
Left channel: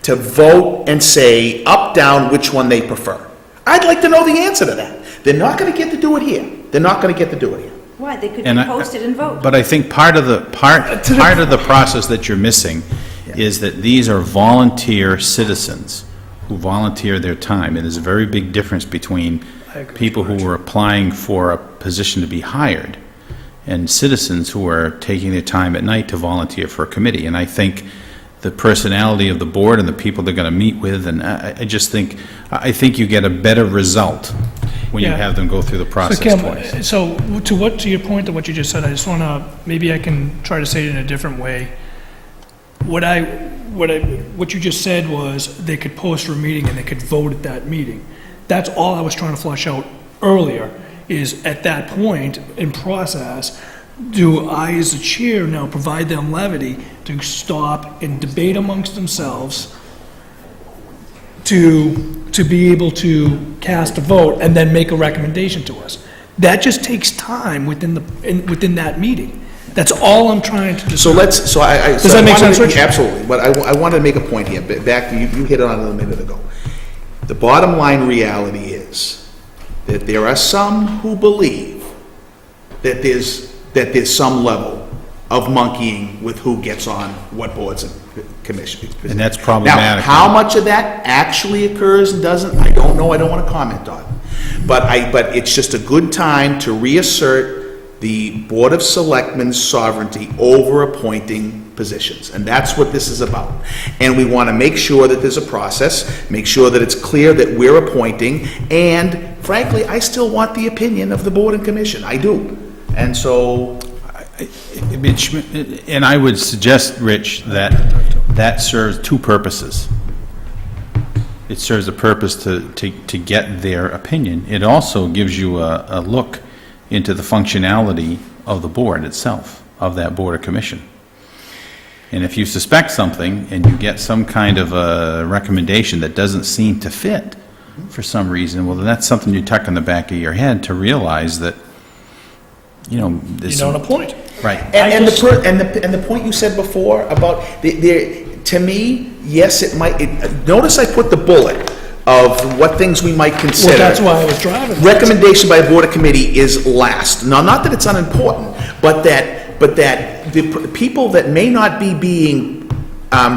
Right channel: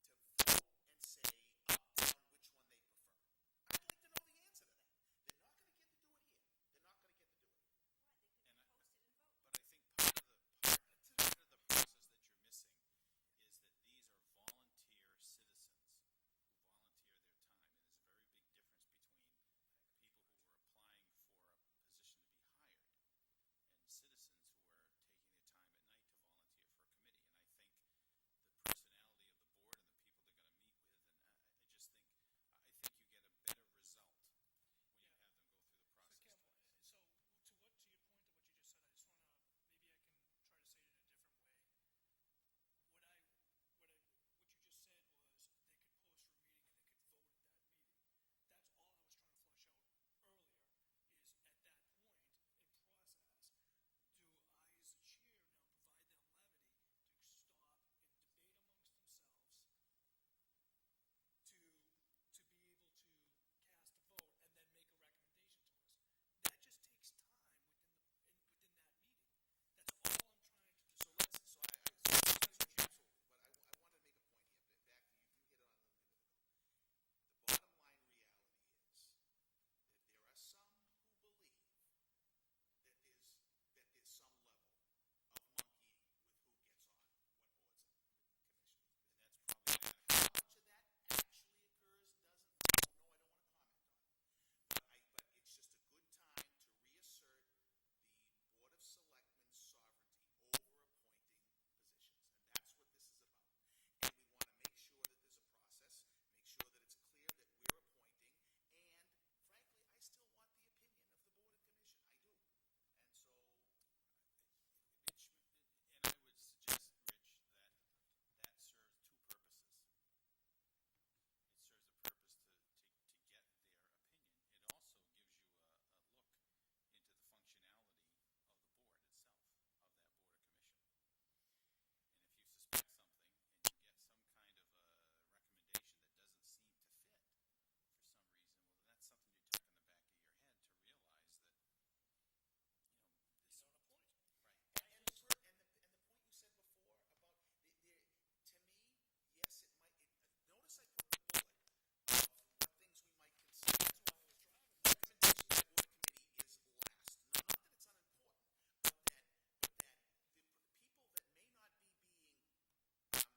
to vote and say up, down, which one they prefer. I'd like to know the answer to that. They're not gonna get to do it here. They're not gonna get to do it here. Why? They could And be I- posted and vote. But I think part of the process that you're missing is that these are volunteer citizens who volunteer their time. And there's a very big difference between people who are applying for a position to be hired and citizens who are taking their time at night to volunteer for a committee. And I think the personality of the board and the people they're going to meet with, and I just think, I think you get a better result when you Yeah. have them go through the So process Kim, twice. so to your point of what you just said, I just want to, maybe I can try to say it in a different way. What you just said was they could post for a meeting and they could vote at that meeting. That's all I was trying to flesh out earlier, is at that point in process, do I as a chair now provide them levity to stop and debate amongst themselves to be able to cast a vote and then make a recommendation to us? That just takes time within that meeting. That's all I'm trying to So decide. let's, so I. Does that make sense, Rich? Absolutely, but I wanted to make a point here, back, you hit on it a minute ago. The bottom line reality is that there are some who believe that there's some level of monkeying with who gets on what boards and commissions. And that's Now, problematic. how much of that actually occurs and doesn't, I don't know, I don't want to comment on. But it's just a good time to reassert the Board of Selectmen's sovereignty over appointing positions, and that's what this is about. And we want to make sure that there's a process, make sure that it's clear that we're appointing, and frankly, I still want the opinion of the Board and Commission, I do. And so, And I would suggest, Rich, that serves two purposes. It serves a purpose to get their opinion. It also gives you a look into the functionality of the board itself, of that board or commission. And if you suspect something and you get some kind of a recommendation that doesn't seem to fit for some reason, well, then that's something you tuck in the back of your head to realize that, You don't appoint. Right. and the point you said before about, to me, yes, it might, notice I put the bullet of what things we might consider. Well, that's why I was driving. Recommendation by a board or committee is last. Now, not that it's unimportant, but that the people that may not be being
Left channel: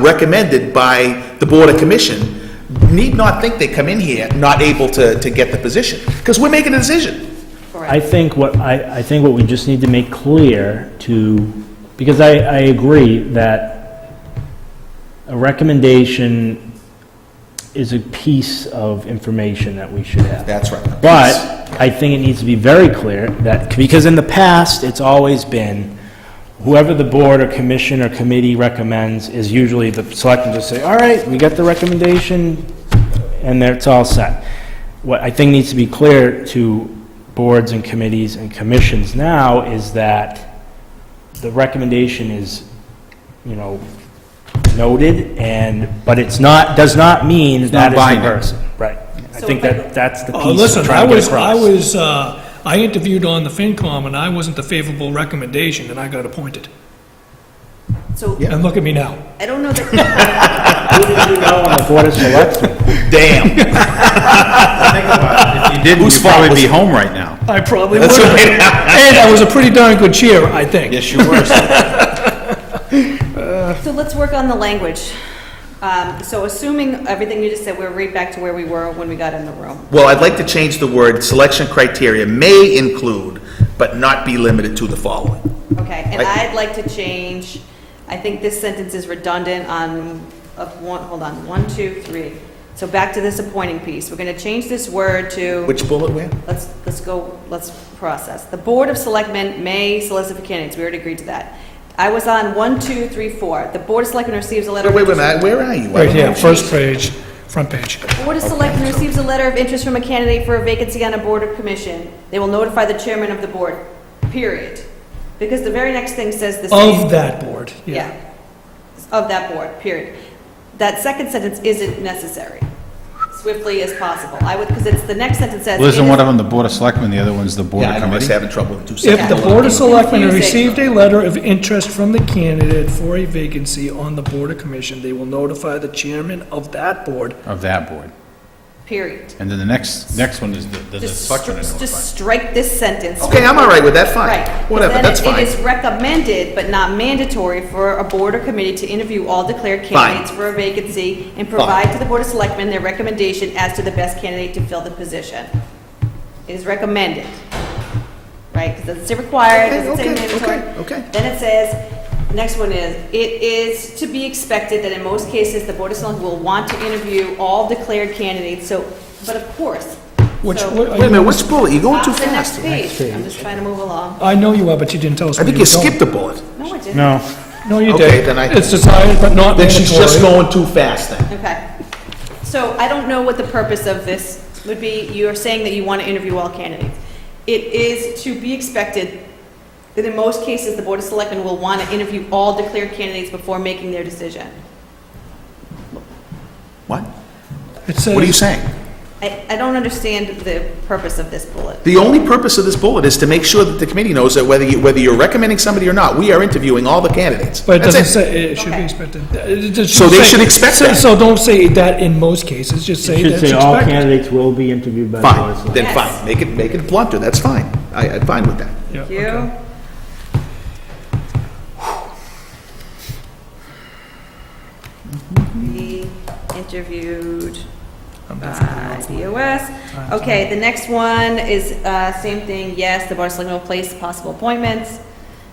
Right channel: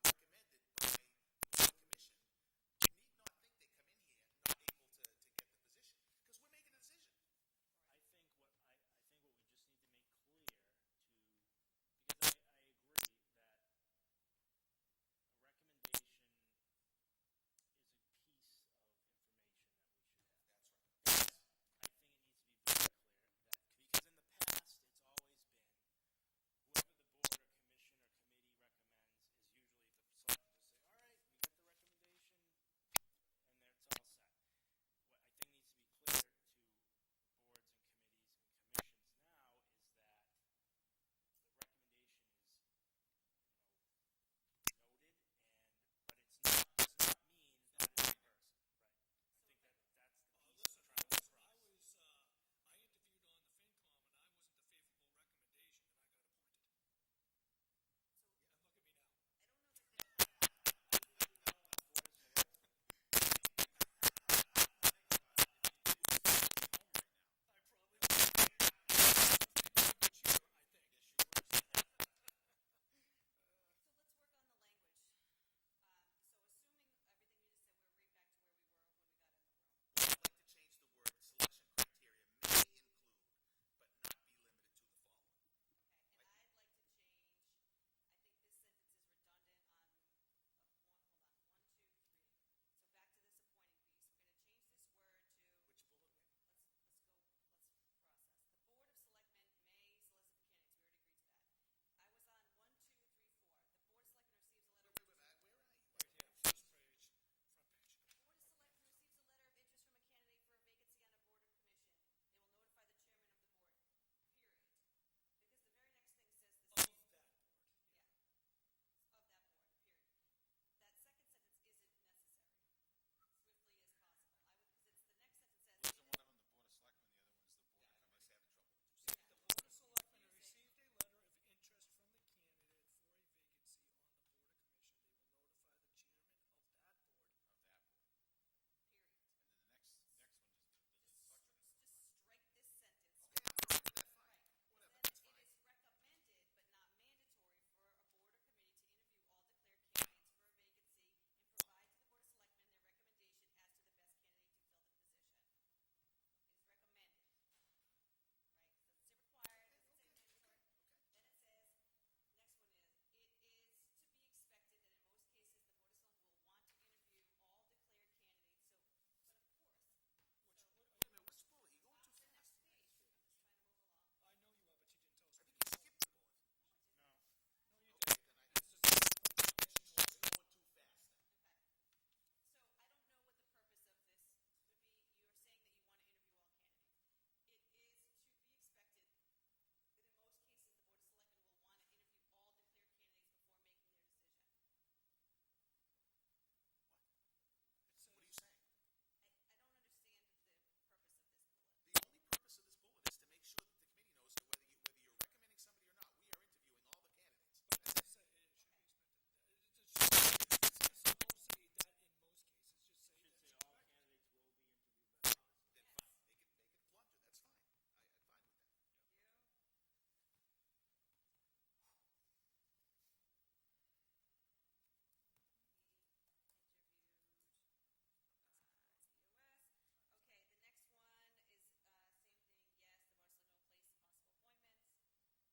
recommended by the board or commission need not think they come in here not able to get the position, because we're making a decision. I think what we just need to make clear because I agree that a recommendation is a piece of information that we should have. That's right. But I think it needs to be very clear that, because in the past, it's always been whoever the board or commission or committee recommends is usually the selectmen just say, all right, we got the recommendation, and it's all set. What I think needs to be clear to boards and committees and commissions now is that the recommendation is, noted, but it's not, does not mean It's that not is the binding. person. Right. I So think if I- that's the piece Oh, I'm listen, trying to get across. I interviewed on the FinCom and I wasn't the favorable recommendation and I got appointed. So, And look at me now. I don't know that, Who did you know on the Board of Selectmen? Damn. If you didn't, Whose you'd fault probably was be it? home right now. I probably would That's have. right. And I was a pretty darn good chair, I think. Yes, you were. so let's work on the language. So assuming everything you just said, we're right back to where we were when we got in the room. Well, I'd like to change the word, selection criteria may include, but not be limited to the following. Okay, and Right. I'd like to change, I think this sentence is redundant on, hold on, 1, 2, 3. So back to this appointing piece. We're gonna change this word to, Which bullet where? let's process. The Board of Selectmen may solicit for candidates, we already agreed to that. I was on 1, 2, 3, 4. The Board of Selectmen receives a letter. Wait, of wait, interest- where are you? I Right don't here, know. first page, front page. The Board of Selectmen receives a letter of interest from a candidate for a vacancy on a board or commission. They will notify the chairman of the board, period. Because the very next thing says the same. Of that board, Yeah, yeah. of that board, period. That second sentence isn't necessary. swiftly as possible. I would, because it's, the next sentence says. Well, it isn't is- one of them the Board of Selectmen, the other one's the Board Yeah, of I know, I was Committee? having trouble with two If seconds. the Board of It's Selectmen have confusing. received a letter of interest from the candidate for a vacancy on the Board of Commission, they will notify the chairman of that board. Of that board. Period. And then the next one is the Just selectmen are just notified. strike this sentence. Okay, I'm all right with that, fine. Right. Whatever, Then that's It fine. is recommended, but not mandatory, for a board or committee to interview all declared candidates for a vacancy and provide to the Board of Selectmen their recommendation as to the best candidate to fill the position. It is recommended, right? Because it doesn't say required, it doesn't say mandatory. Okay. Then it says, next one is, it is to be expected that in most cases, the Board of Selectmen will want to interview all declared candidates, so, but of course. Which, So- what- Wait a minute, which bullet? You're going too Top of the next fast. page. I'm just trying to move along. I know you are, but you didn't tell us. I where think you were going. skipped a bullet. No, I didn't. No, No, you Okay, did. then I- It's desired but not Then mandatory. she's just going too fast then. Okay. So I don't know what the purpose of this would be. You're saying that you want to interview all candidates. It is to be expected that in most cases, the Board of Selectmen will want to interview all declared candidates before making their decision. What? It says- What are you saying? I don't understand the purpose of this bullet. The only purpose of this bullet is to make sure that the committee knows that whether you're recommending somebody or not, we are interviewing all the candidates. But it That's doesn't say, it should be Okay. expected. It just So they say- should expect say- that. So don't say that in most cases, just say it that should it's say all expected. candidates will be interviewed by the Board of Fine, then Selectmen. Yes. fine. Make it blunter, that's fine. I'm fine with that. Yeah, Thank okay. you. Be interviewed I'm by definitely all for it. BOS. Okay, the next one is, same thing, yes, the Board of Selectmen will place possible appointments.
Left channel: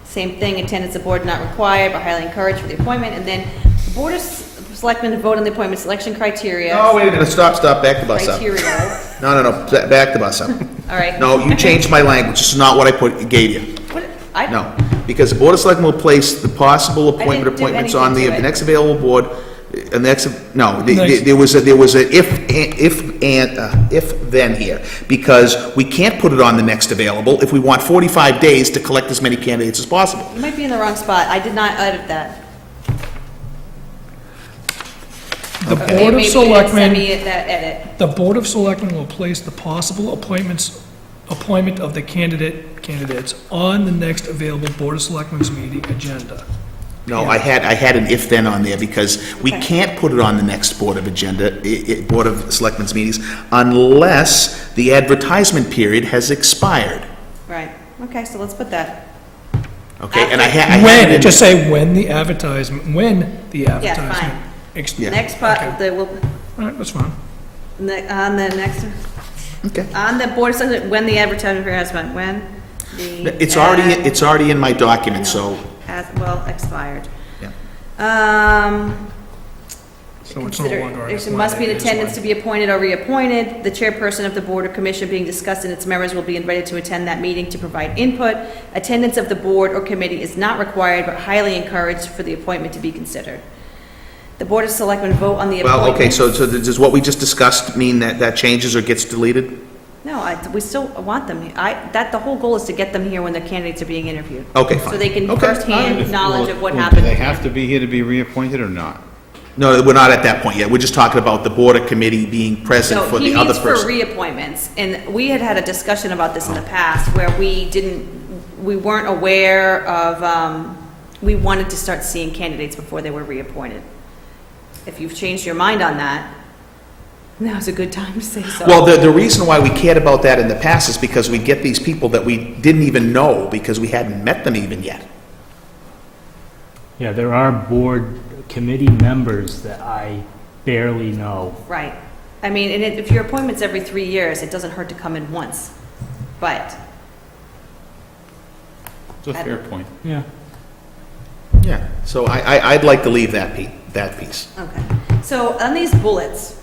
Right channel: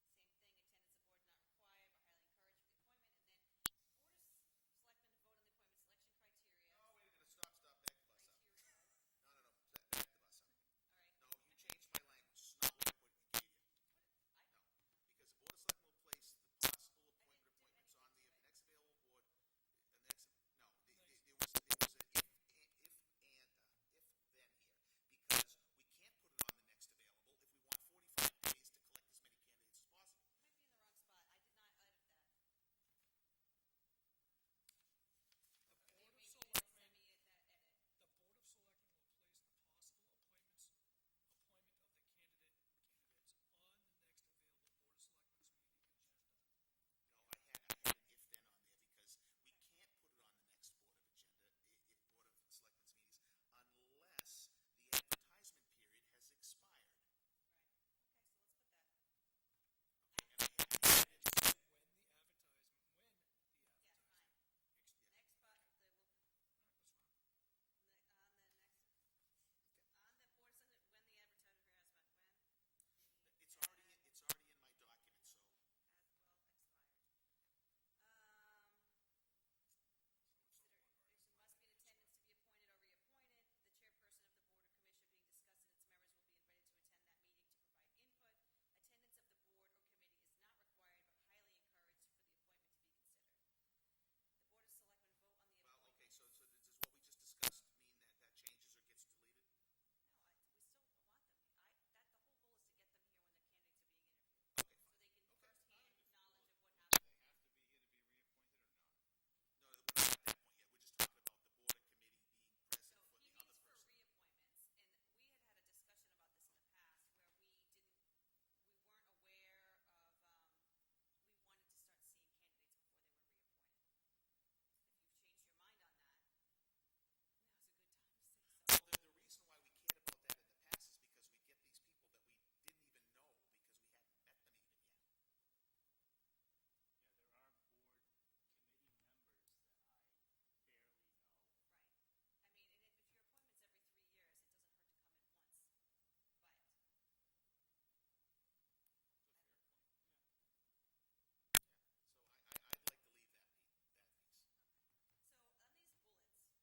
Same thing, attendance of board not required, but highly encouraged for the appointment. And then the Board of Selectmen vote on the appointment selection criteria. Oh, wait a minute, stop, back the bus up. Criteria, No, back the bus up. all right. No, you changed my language, this is not what I gave you. What, I, No, because the Board of Selectmen will place the possible didn't do appointments on the anything to it. next available board, next, no, Next. there was a if then here, because we can't put it on the next available if we want 45 days to collect as many candidates as possible. you might be in the wrong spot. I did not edit that. The Maybe Board of you didn't send Selectmen, me that edit. the Board of Selectmen will place the possible appointment of the candidates on the next available Board of Selectmen's meeting agenda. No, I had an if then on there, because we Okay. can't put it on the next Board of Board of Selectmen's meetings unless the advertisement period has expired, Right, okay, so let's put that. okay? And I had it When, in- just say when the advertisement, fine. Yeah. Next part, Okay. the, will, All right, that's fine. on the next, Okay. on the Board of Selectmen, when the advertisement period has been, when the. It's already in my document, so, Has, well, expired. yeah. So it's no Consider, longer. there must be an attendance to be appointed or reappointed. The chairperson of the board or commission being discussed and its members will be invited to attend that meeting to provide input. Attendance of the board or committee is not required, but highly encouraged for the appointment to be considered. The Board of Selectmen vote on the appointment. Well, okay, so does what we just discussed mean that changes or gets deleted? No, we still want them. The whole goal is to get them here when the candidates are being interviewed. Okay, fine. So they can Okay. firsthand knowledge of what Well, happened. Do they have to be here to be reappointed or not? No, we're not at that point yet. We're just talking about the board or committee being present So for he the other meets for person. reappointments, and we had a discussion about this in the past where we weren't aware of, we wanted to start seeing candidates before they were reappointed. If you've changed your mind on that, now's a good time to say so. Well, the reason why we cared about that in the past is because we get these people that we didn't even know because we hadn't met them even yet. Yeah, there are board committee members that I barely know. Right. I mean, and if your appointment's every 3 years, it doesn't hurt to come in once. But, It's a fair point. Yeah. Yeah, so I'd like to leave that piece. okay. So on these bullets,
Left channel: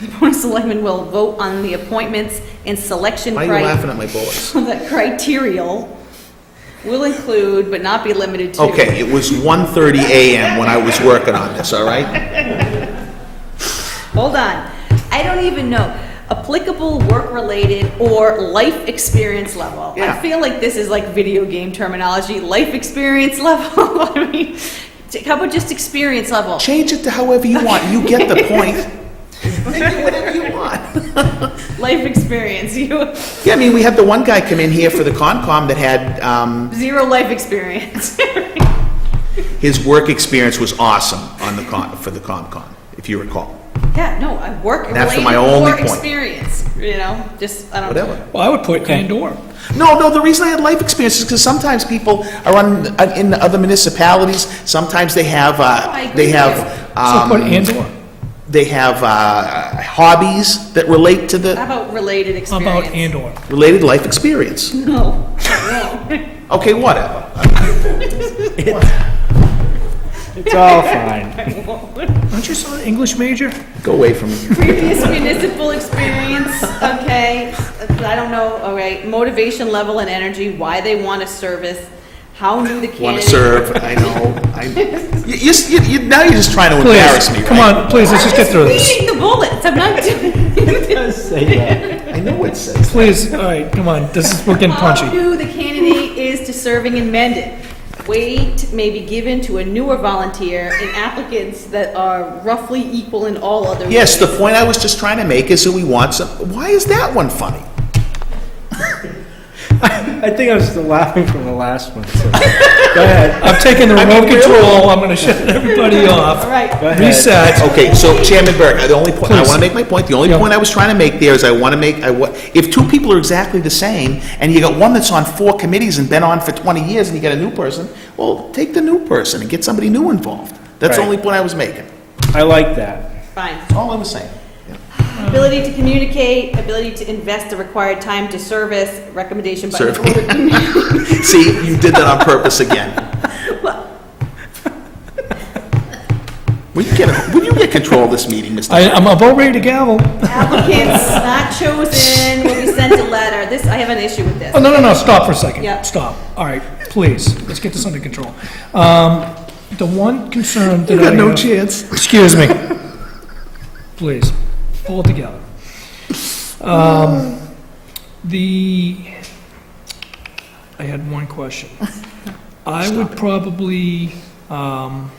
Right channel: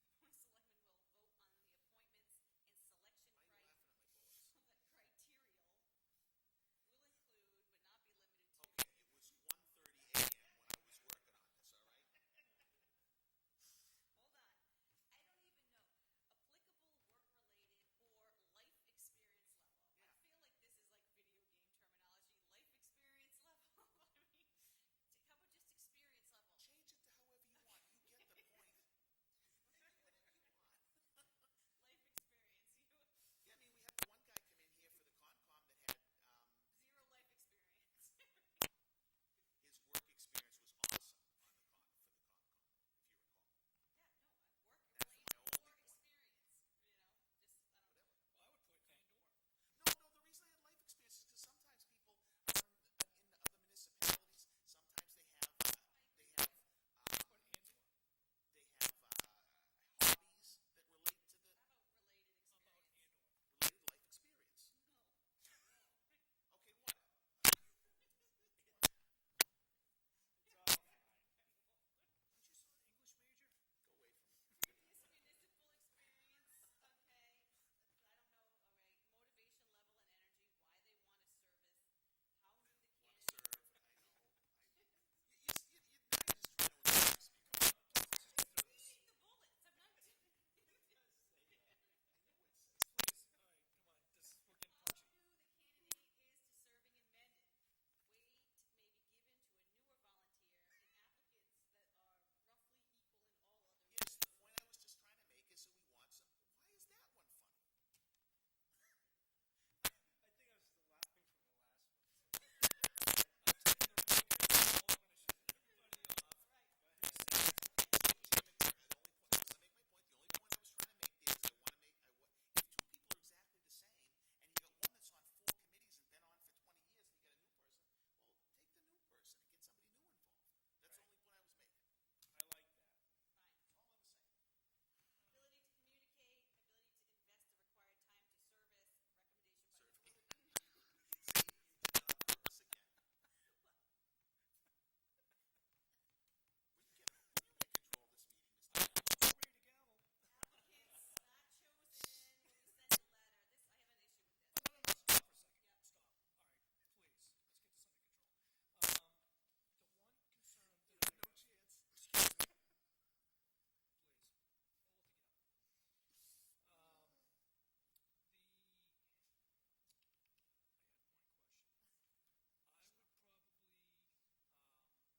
the Board of Selectmen will vote on the appointments and selection Why are you laughing at my bullets? The criteria will include, but not be limited to. Okay, it was 1:30 a.m. when I was working on this, all right? Hold on. I don't even know. Applicable work-related or life experience level. I Yeah. feel like this is like video game terminology, life experience level. I mean, how about just experience level? Change it to however you want, you get the point. Whatever you want. Life experience, you, Yeah, I mean, we had the one guy come in here for the Concom that had, zero life experience. his work experience was awesome on the for the Concom, if you recall. Yeah, no, I work That's related my only work point. experience, you know, just, I don't. Whatever. Well, I would put and/or. No, the reason I had life experience is because sometimes people are in other municipalities, sometimes they have, I agree So put and/or. they have hobbies that relate to How the about related How experience? about and/or? related life experience. No, no. Okay, whatever. It's all fine. Aren't you still an English major? Go away from me. Previous municipal experience, okay, I don't know, all right, motivation level and energy, why they want to service, how new the candidate. Want to serve, I know. Now you're just trying to embarrass me, right? Come on, please, let's just get through this. Reading the bullets, I'm not doing. Say that. I know it says. Please, all right, come on, we're getting How punchy. new the candidate is to serving in Mendon. Weight may be given to a newer volunteer in applicants that are roughly equal in all other ways. Yes, the point I was just trying to make is that we want some, why is that one funny? I think I was still laughing from the last one, so, go ahead. I'm taking the remote control, I'm gonna shut everybody All off. right, Go ahead. Reset. Okay, so Chairman Burke, the only point, I Please. want to make my point, the only Yeah. point I was trying to make there is if two people are exactly the same, and you got one that's on 4 committees and been on for 20 years, and you got a new person, well, take the new person and get somebody new involved. That's the Right. only point I was making. I like that. fine. That's all I was saying. Ability to communicate, ability to invest the required time to service, recommendation by the Serve. Board of Commissioners. See, you did that on purpose again. Will you get control of this meeting, Mr. I'm about ready to gavel. Applicants not chosen will be sent a letter. This, I have an issue with this. Oh, no, stop for a second. Yeah. Stop. All right, please, let's get this under control. The one concern that I You got no have- chance. Excuse me. Please, pull it together. I had one question. I would probably, I'm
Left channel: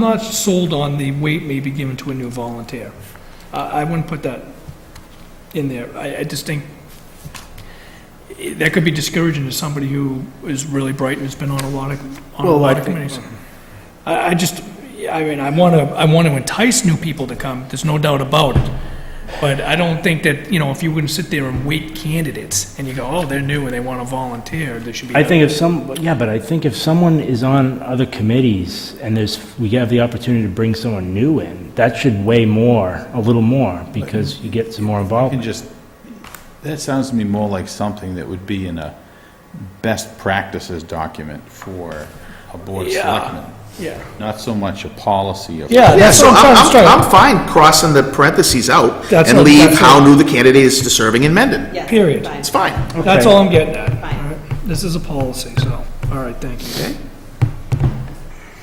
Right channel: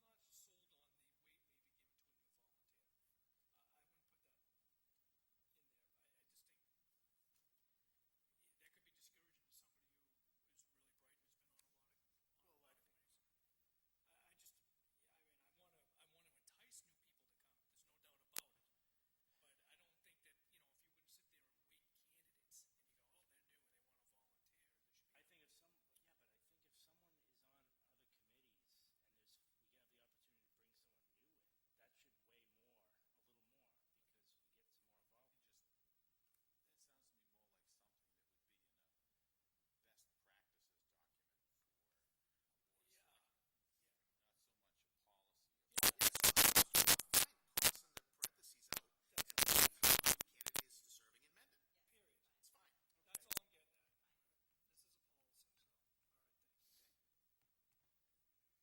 not sold on the weight may be given to a new volunteer. I wouldn't put that in there. I just think that could be discouraging to somebody who is really bright and has been on a lot of committees. I mean, I want to entice new people to come, there's no doubt about it. But I don't think that, you know, if you wouldn't sit there and weight candidates, and you go, oh, they're new and they want to volunteer, there should be. I think if but I think if someone is on other committees and we have the opportunity to bring someone new in, that should weigh a little more, because you get some more involvement. That sounds to me more like something that would be in a best practices document for a board of Yeah. selectmen, Yeah. not so much a policy of. Yeah, Yeah, that's so what I'm trying I'm fine crossing the parentheses out That's and what- leave that's how what- new the candidate is to serving in Mendon. Yes, Period. fine. It's fine. That's Okay. all I'm getting at. Fine. All right. This is a policy, so, all right, thank you.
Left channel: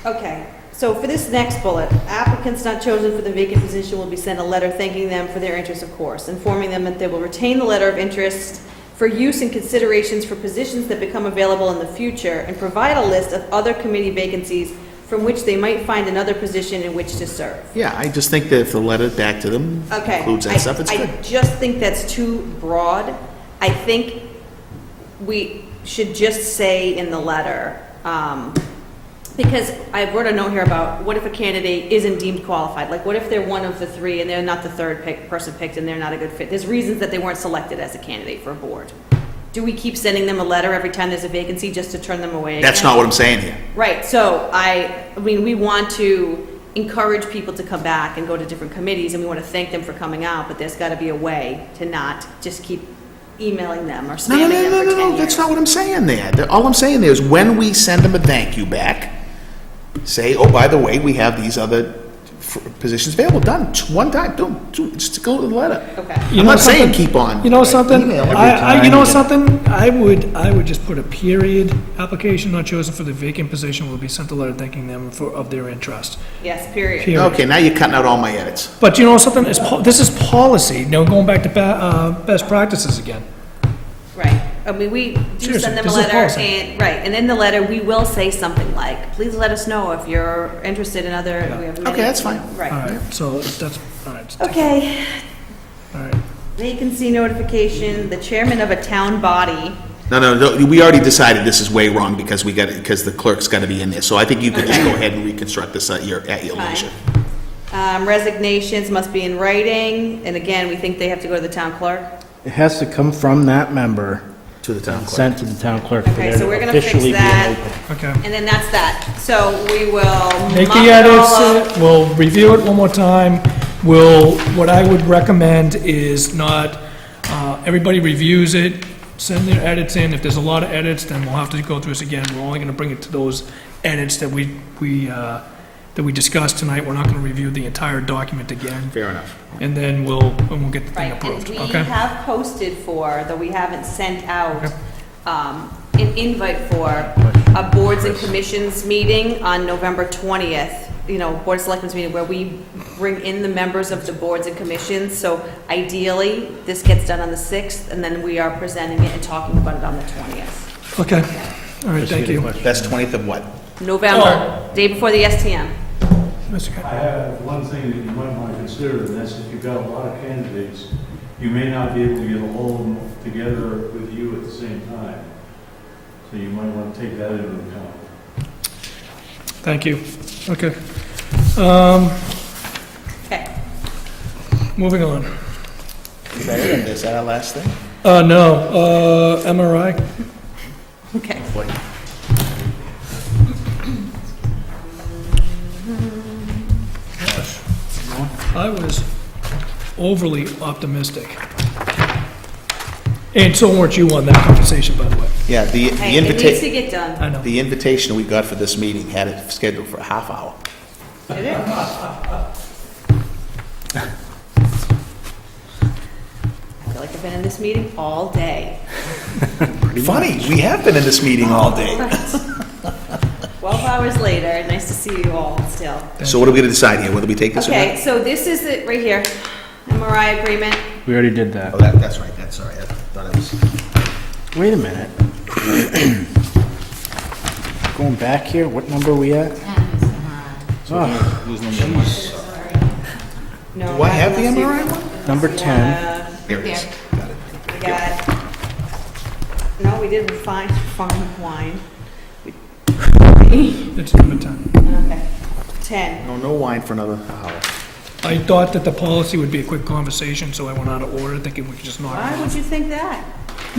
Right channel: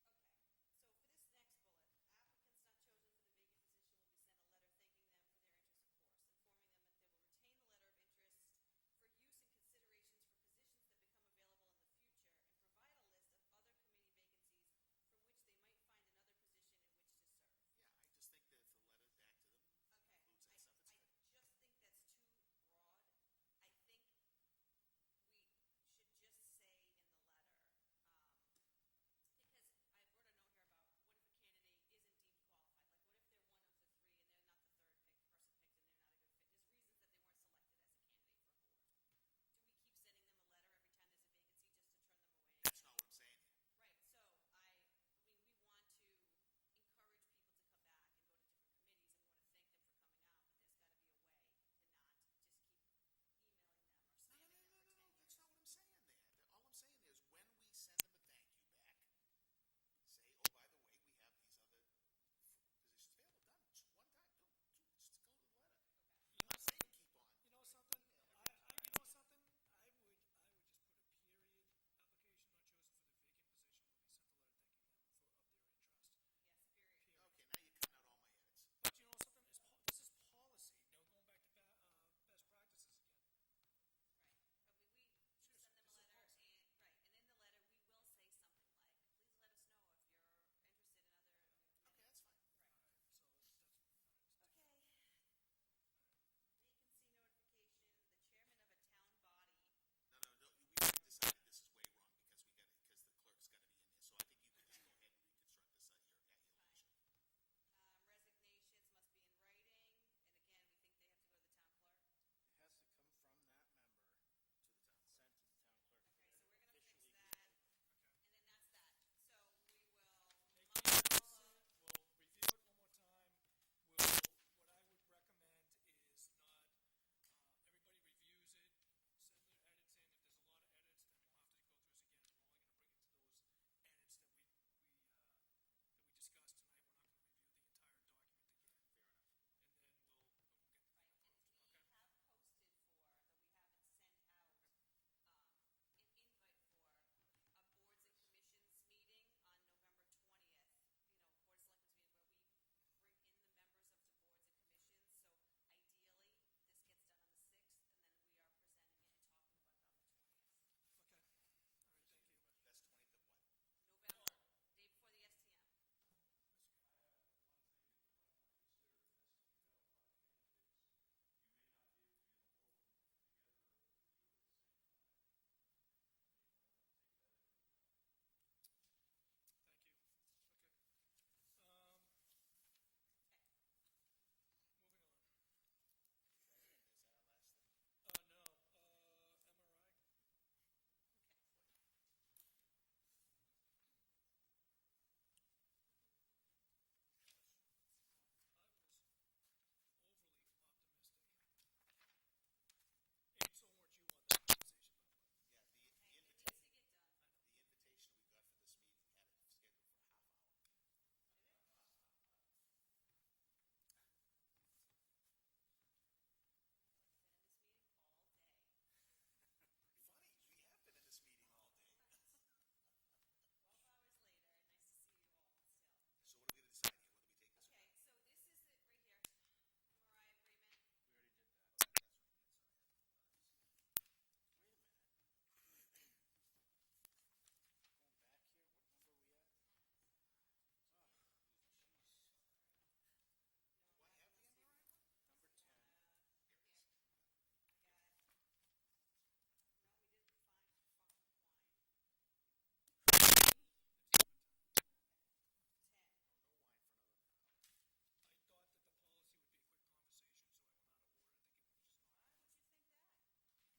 Okay. Okay, so for this next bullet, applicants not chosen for the vacant position will be sent a letter thanking them for their interest, of course, informing them that they will retain the letter of interest for use and considerations for positions that become available in the future, and provide a list of other committee vacancies from which they might find another position in which to serve. Yeah, I just think that if the letter back to them Okay. includes that stuff, it's good. I just think that's too broad. I think we should just say in the letter, because I wrote a note here about what if a candidate isn't deemed qualified? Like, what if they're one of the 3 and they're not the third person picked and they're not a good fit? There's reasons that they weren't selected as a candidate for a board. Do we keep sending them a letter every time there's a vacancy just to turn them away? That's again? not what I'm saying here. Right, so I mean, we want to encourage people to come back and go to different committees, and we want to thank them for coming out, but there's got to be a way to not just keep emailing them or No, spamming them for 10 years. that's not what I'm saying there. All I'm saying there is when we send them a thank you back, say, oh, by the way, we have these other positions available, done, one time, just go to the letter. Okay, You I'm know not saying something? keep on. You know something? email every You know time. something? I would just put a period, application not chosen for the vacant position will be sent a letter thanking them of their interest. yes, period. Period. Okay, now you're cutting out all my edits. But you know something? This is policy. Now, going back to best practices again. Right, I mean, we do Seriously, send them a this is a letter, policy. and, right, and in the letter, we will say something like, please let us know if you're interested in other, we have many. Okay, that's fine. All Right. right, so that's, all right, Okay, all right. vacancy notification, the chairman of a town body. No, we already decided this is way wrong because because the clerk's gotta be in there. So I think you can just go ahead and reconstruct this at your Fine. leisure. Resignations must be in writing, and again, we think they have to go to the town clerk. It has to come from that member To the town and clerk. sent to the town clerk for Okay, there so to we're gonna fix officially be that. open. Okay. And then that's that. So we will Make muck the it all edits, up. we'll review it one more time. What I would recommend is not, everybody reviews it, send their edits in. If there's a lot of edits, then we'll have to go through this again. We're only gonna bring it to those edits that we discussed tonight. We're not gonna review the entire document again. Fair enough. And then we'll get the thing Right, and approved, we okay? have posted for, though we haven't sent out, an invite for a boards and commissions meeting on November 20th. You know, Board of Selectmen's meeting where we bring in the members of the boards and commissions. So ideally, this gets done on the 6th, and then we are presenting it and talking about it on the 20th. Okay, all right, thank you. That's 20th of what? November, day before the STM. Mr. Ca- I have one thing that you might want to consider, and that's if you've got a lot of candidates, you may not be able to get all of them together with you at the same time. So you might want to take that into account. Thank you. Okay. Okay. Moving on. Is that it? Is that our last thing? No, MRI. Okay. I was overly optimistic. And so weren't you on that conversation, by the way. Yeah, the Hey, it needs to invitation, get done. I know. the invitation we got for this meeting had it scheduled for a half hour. Did it? I feel like I've been in this meeting all day. Funny, we have been in this meeting all day. 12 hours later, nice to see you all still. So what are we gonna decide here? Whether we take this or not? Okay, so this is it right here, MRI agreement. We already did that. Oh, that's right, that's all right. I thought it was. Wait a minute. Going back here, what number are we at? Oh, No, Do I have the let's see. MRI one? number 10. There it is. Got it. We got, no, we didn't find farm wine. It's number 10. Okay, 10. No wine for another hour. I thought that the policy would be a quick conversation, so I went out of order, thinking we could just knock Why it would off. you think that?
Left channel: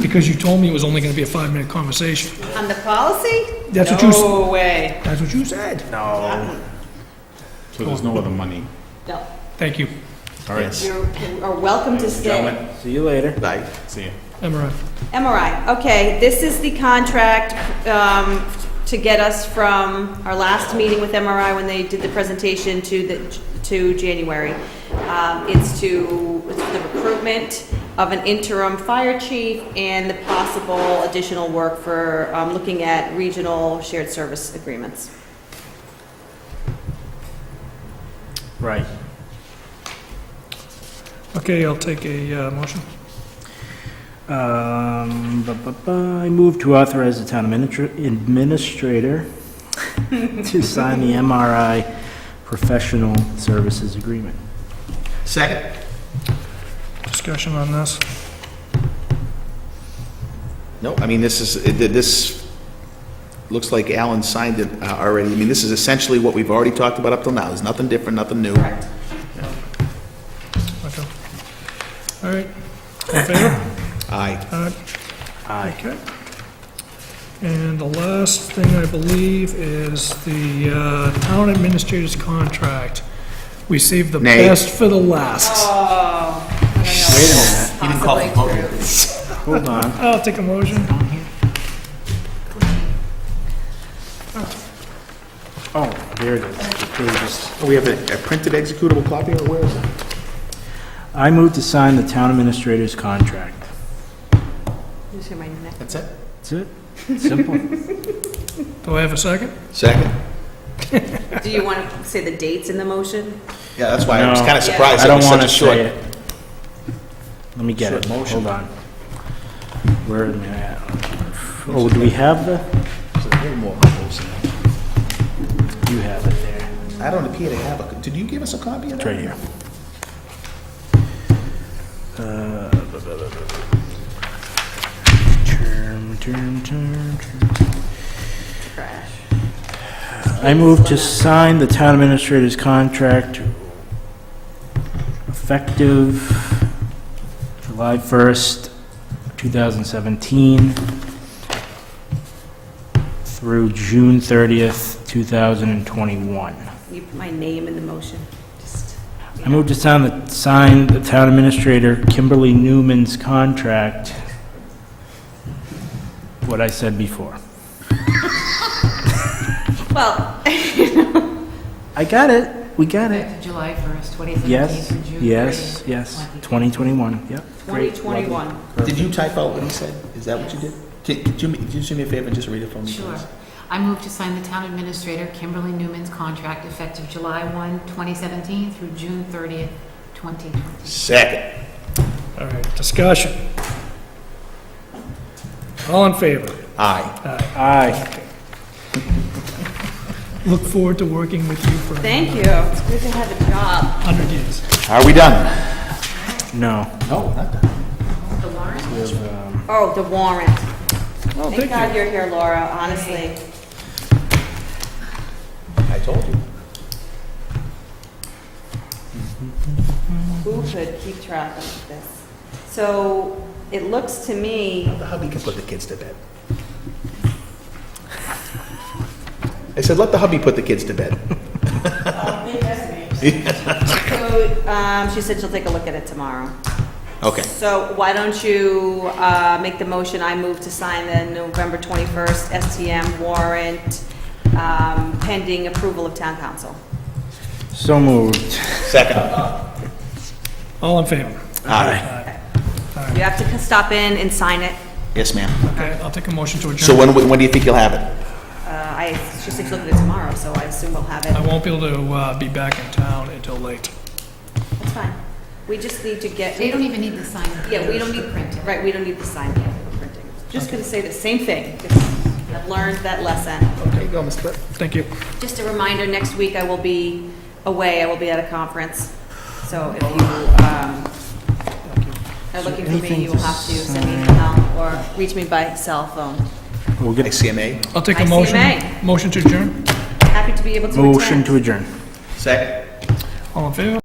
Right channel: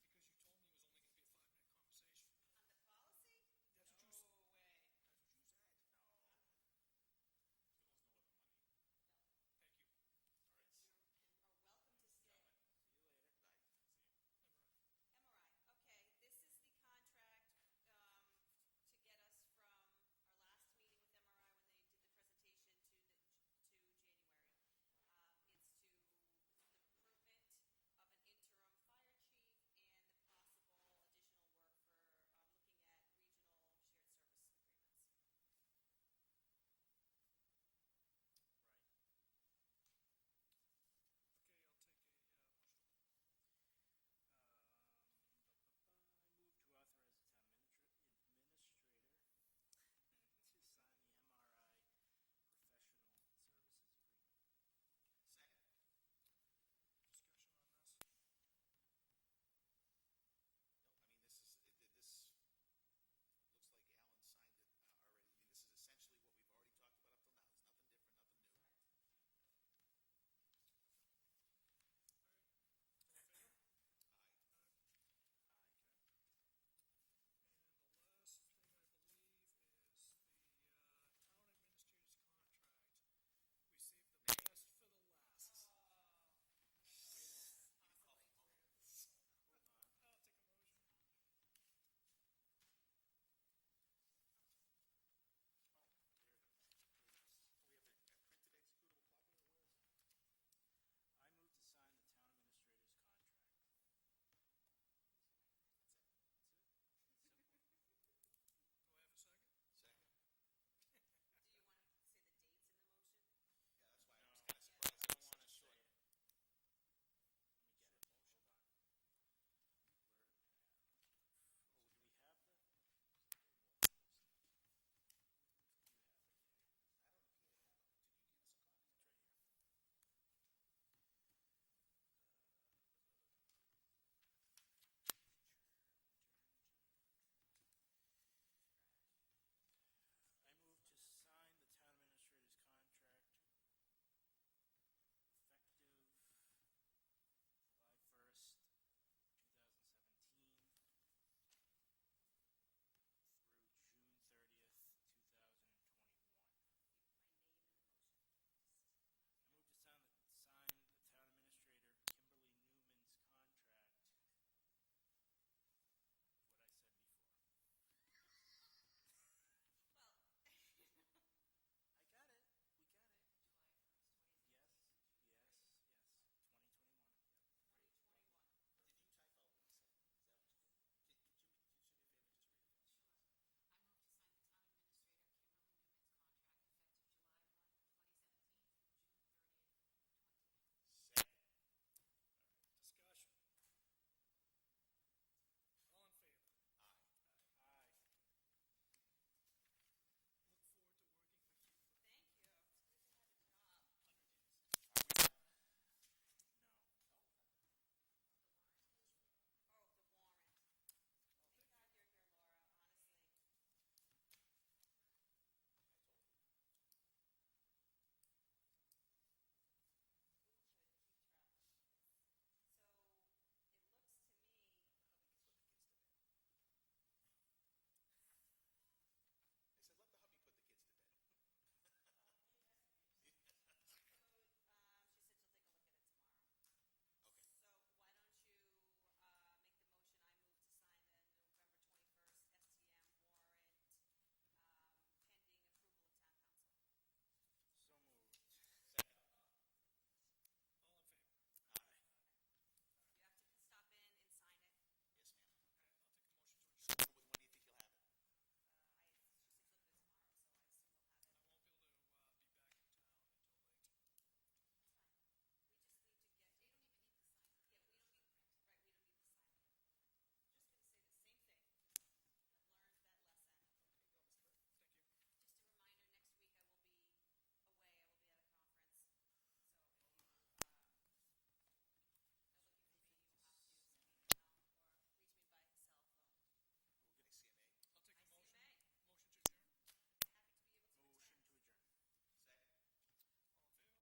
Because you told me it was only gonna be a 5-minute conversation. On the policy? That's what you s- No way. That's what you said. No. So there's no other money. No. Thank you. All right, Yes. You are welcome to stay. gentlemen, See you later. Bye. see you. MRI. MRI, okay, this is the contract to get us from our last meeting with MRI when they did the presentation to January. It's the recruitment of an interim fire chief and the possible additional work for looking at regional shared service agreements. Right. Okay, I'll take a motion. I move to authorize the town administrator to sign the MRI professional services agreement. Second? Discussion on this. No, I mean, this looks like Alan signed it already. I mean, this is essentially what we've already talked about up till now. There's nothing different, nothing new. Correct. Okay. All right. In favor? Aye. All right. Aye. Okay. And the last thing, I believe, is the town administrator's contract. We saved the Nay. best for the last. Oh. Wait a minute. He didn't call for vote. Hold on. I'll take a motion. Oh, here it is. The pages. We have a printed executable copy, or where is it? I move to sign the town administrator's contract. Just hear my neck. That's it? That's it. Simple. Do I have a second? Second? Do you want to say the dates in the motion? Yeah, that's why I was No. kind of surprised I it don't was want such to a short. say it. Let me get short it. motion. Hold on. Where am I at? Oh, do we have the, There's a little more memos in there. you have it there. I don't appear to have a, did you give us a copy of It's that? right here. Term. Trash. I move to sign the town administrator's contract effective July 1st, 2017 through June 30th, 2021. You put my name in the motion, just. I move to sign the town administrator Kimberly Newman's contract. What I said before. Well, I got it. We got it. Effective July 1st, 2017 Yes, through June 30th. yes, yes. 2021. Yep. Great, 2021. lovely, Did you type out what he said? Is that what you did? Could you do me a favor and just read it for me, Sure. please? I move to sign the town administrator Kimberly Newman's contract effective July 1, 2017 through June 30th, 2020. Second. All right, discussion. All in favor? Aye. Aye. Look forward to working with you for Thank you. It's good to have a job. 100 years. Are we done? No. No, not done. The warrant? We have, Oh, the warrant. Oh, Thank God you're here, Laura, honestly. I told you. Who could keep track of this? So it looks to me, The hubby can put the kids to bed. I said, let the hubby put the kids to bed. so, she said she'll take a look at it tomorrow. Okay. So why don't you make the motion, I move to sign the November 21st STM warrant pending approval of town council. So moved. Second. All in favor? Aye. You have to stop in and sign it. Yes, ma'am. Okay, I'll take a motion to adjourn. So when do you think you'll have it? She said she'll look at it tomorrow, so I assume we'll have it. I won't be able to be back in town until late. That's fine. We just need to get. They don't even need the sign. Yeah, we don't need, print. right, we don't need the sign yet for printing. Just gonna say the same thing, 'cause I've learned that lesson. Okay, go, Ms. Cliff. Thank you. Just a reminder, next week I will be away, I will be at a conference. So if you, are looking for me, you will have to send me an email or reach me by cell phone. We'll get ICMA. I'll take a motion. ICMA. Motion to adjourn. Happy to be able to attend. motion to adjourn. Second. All in favor?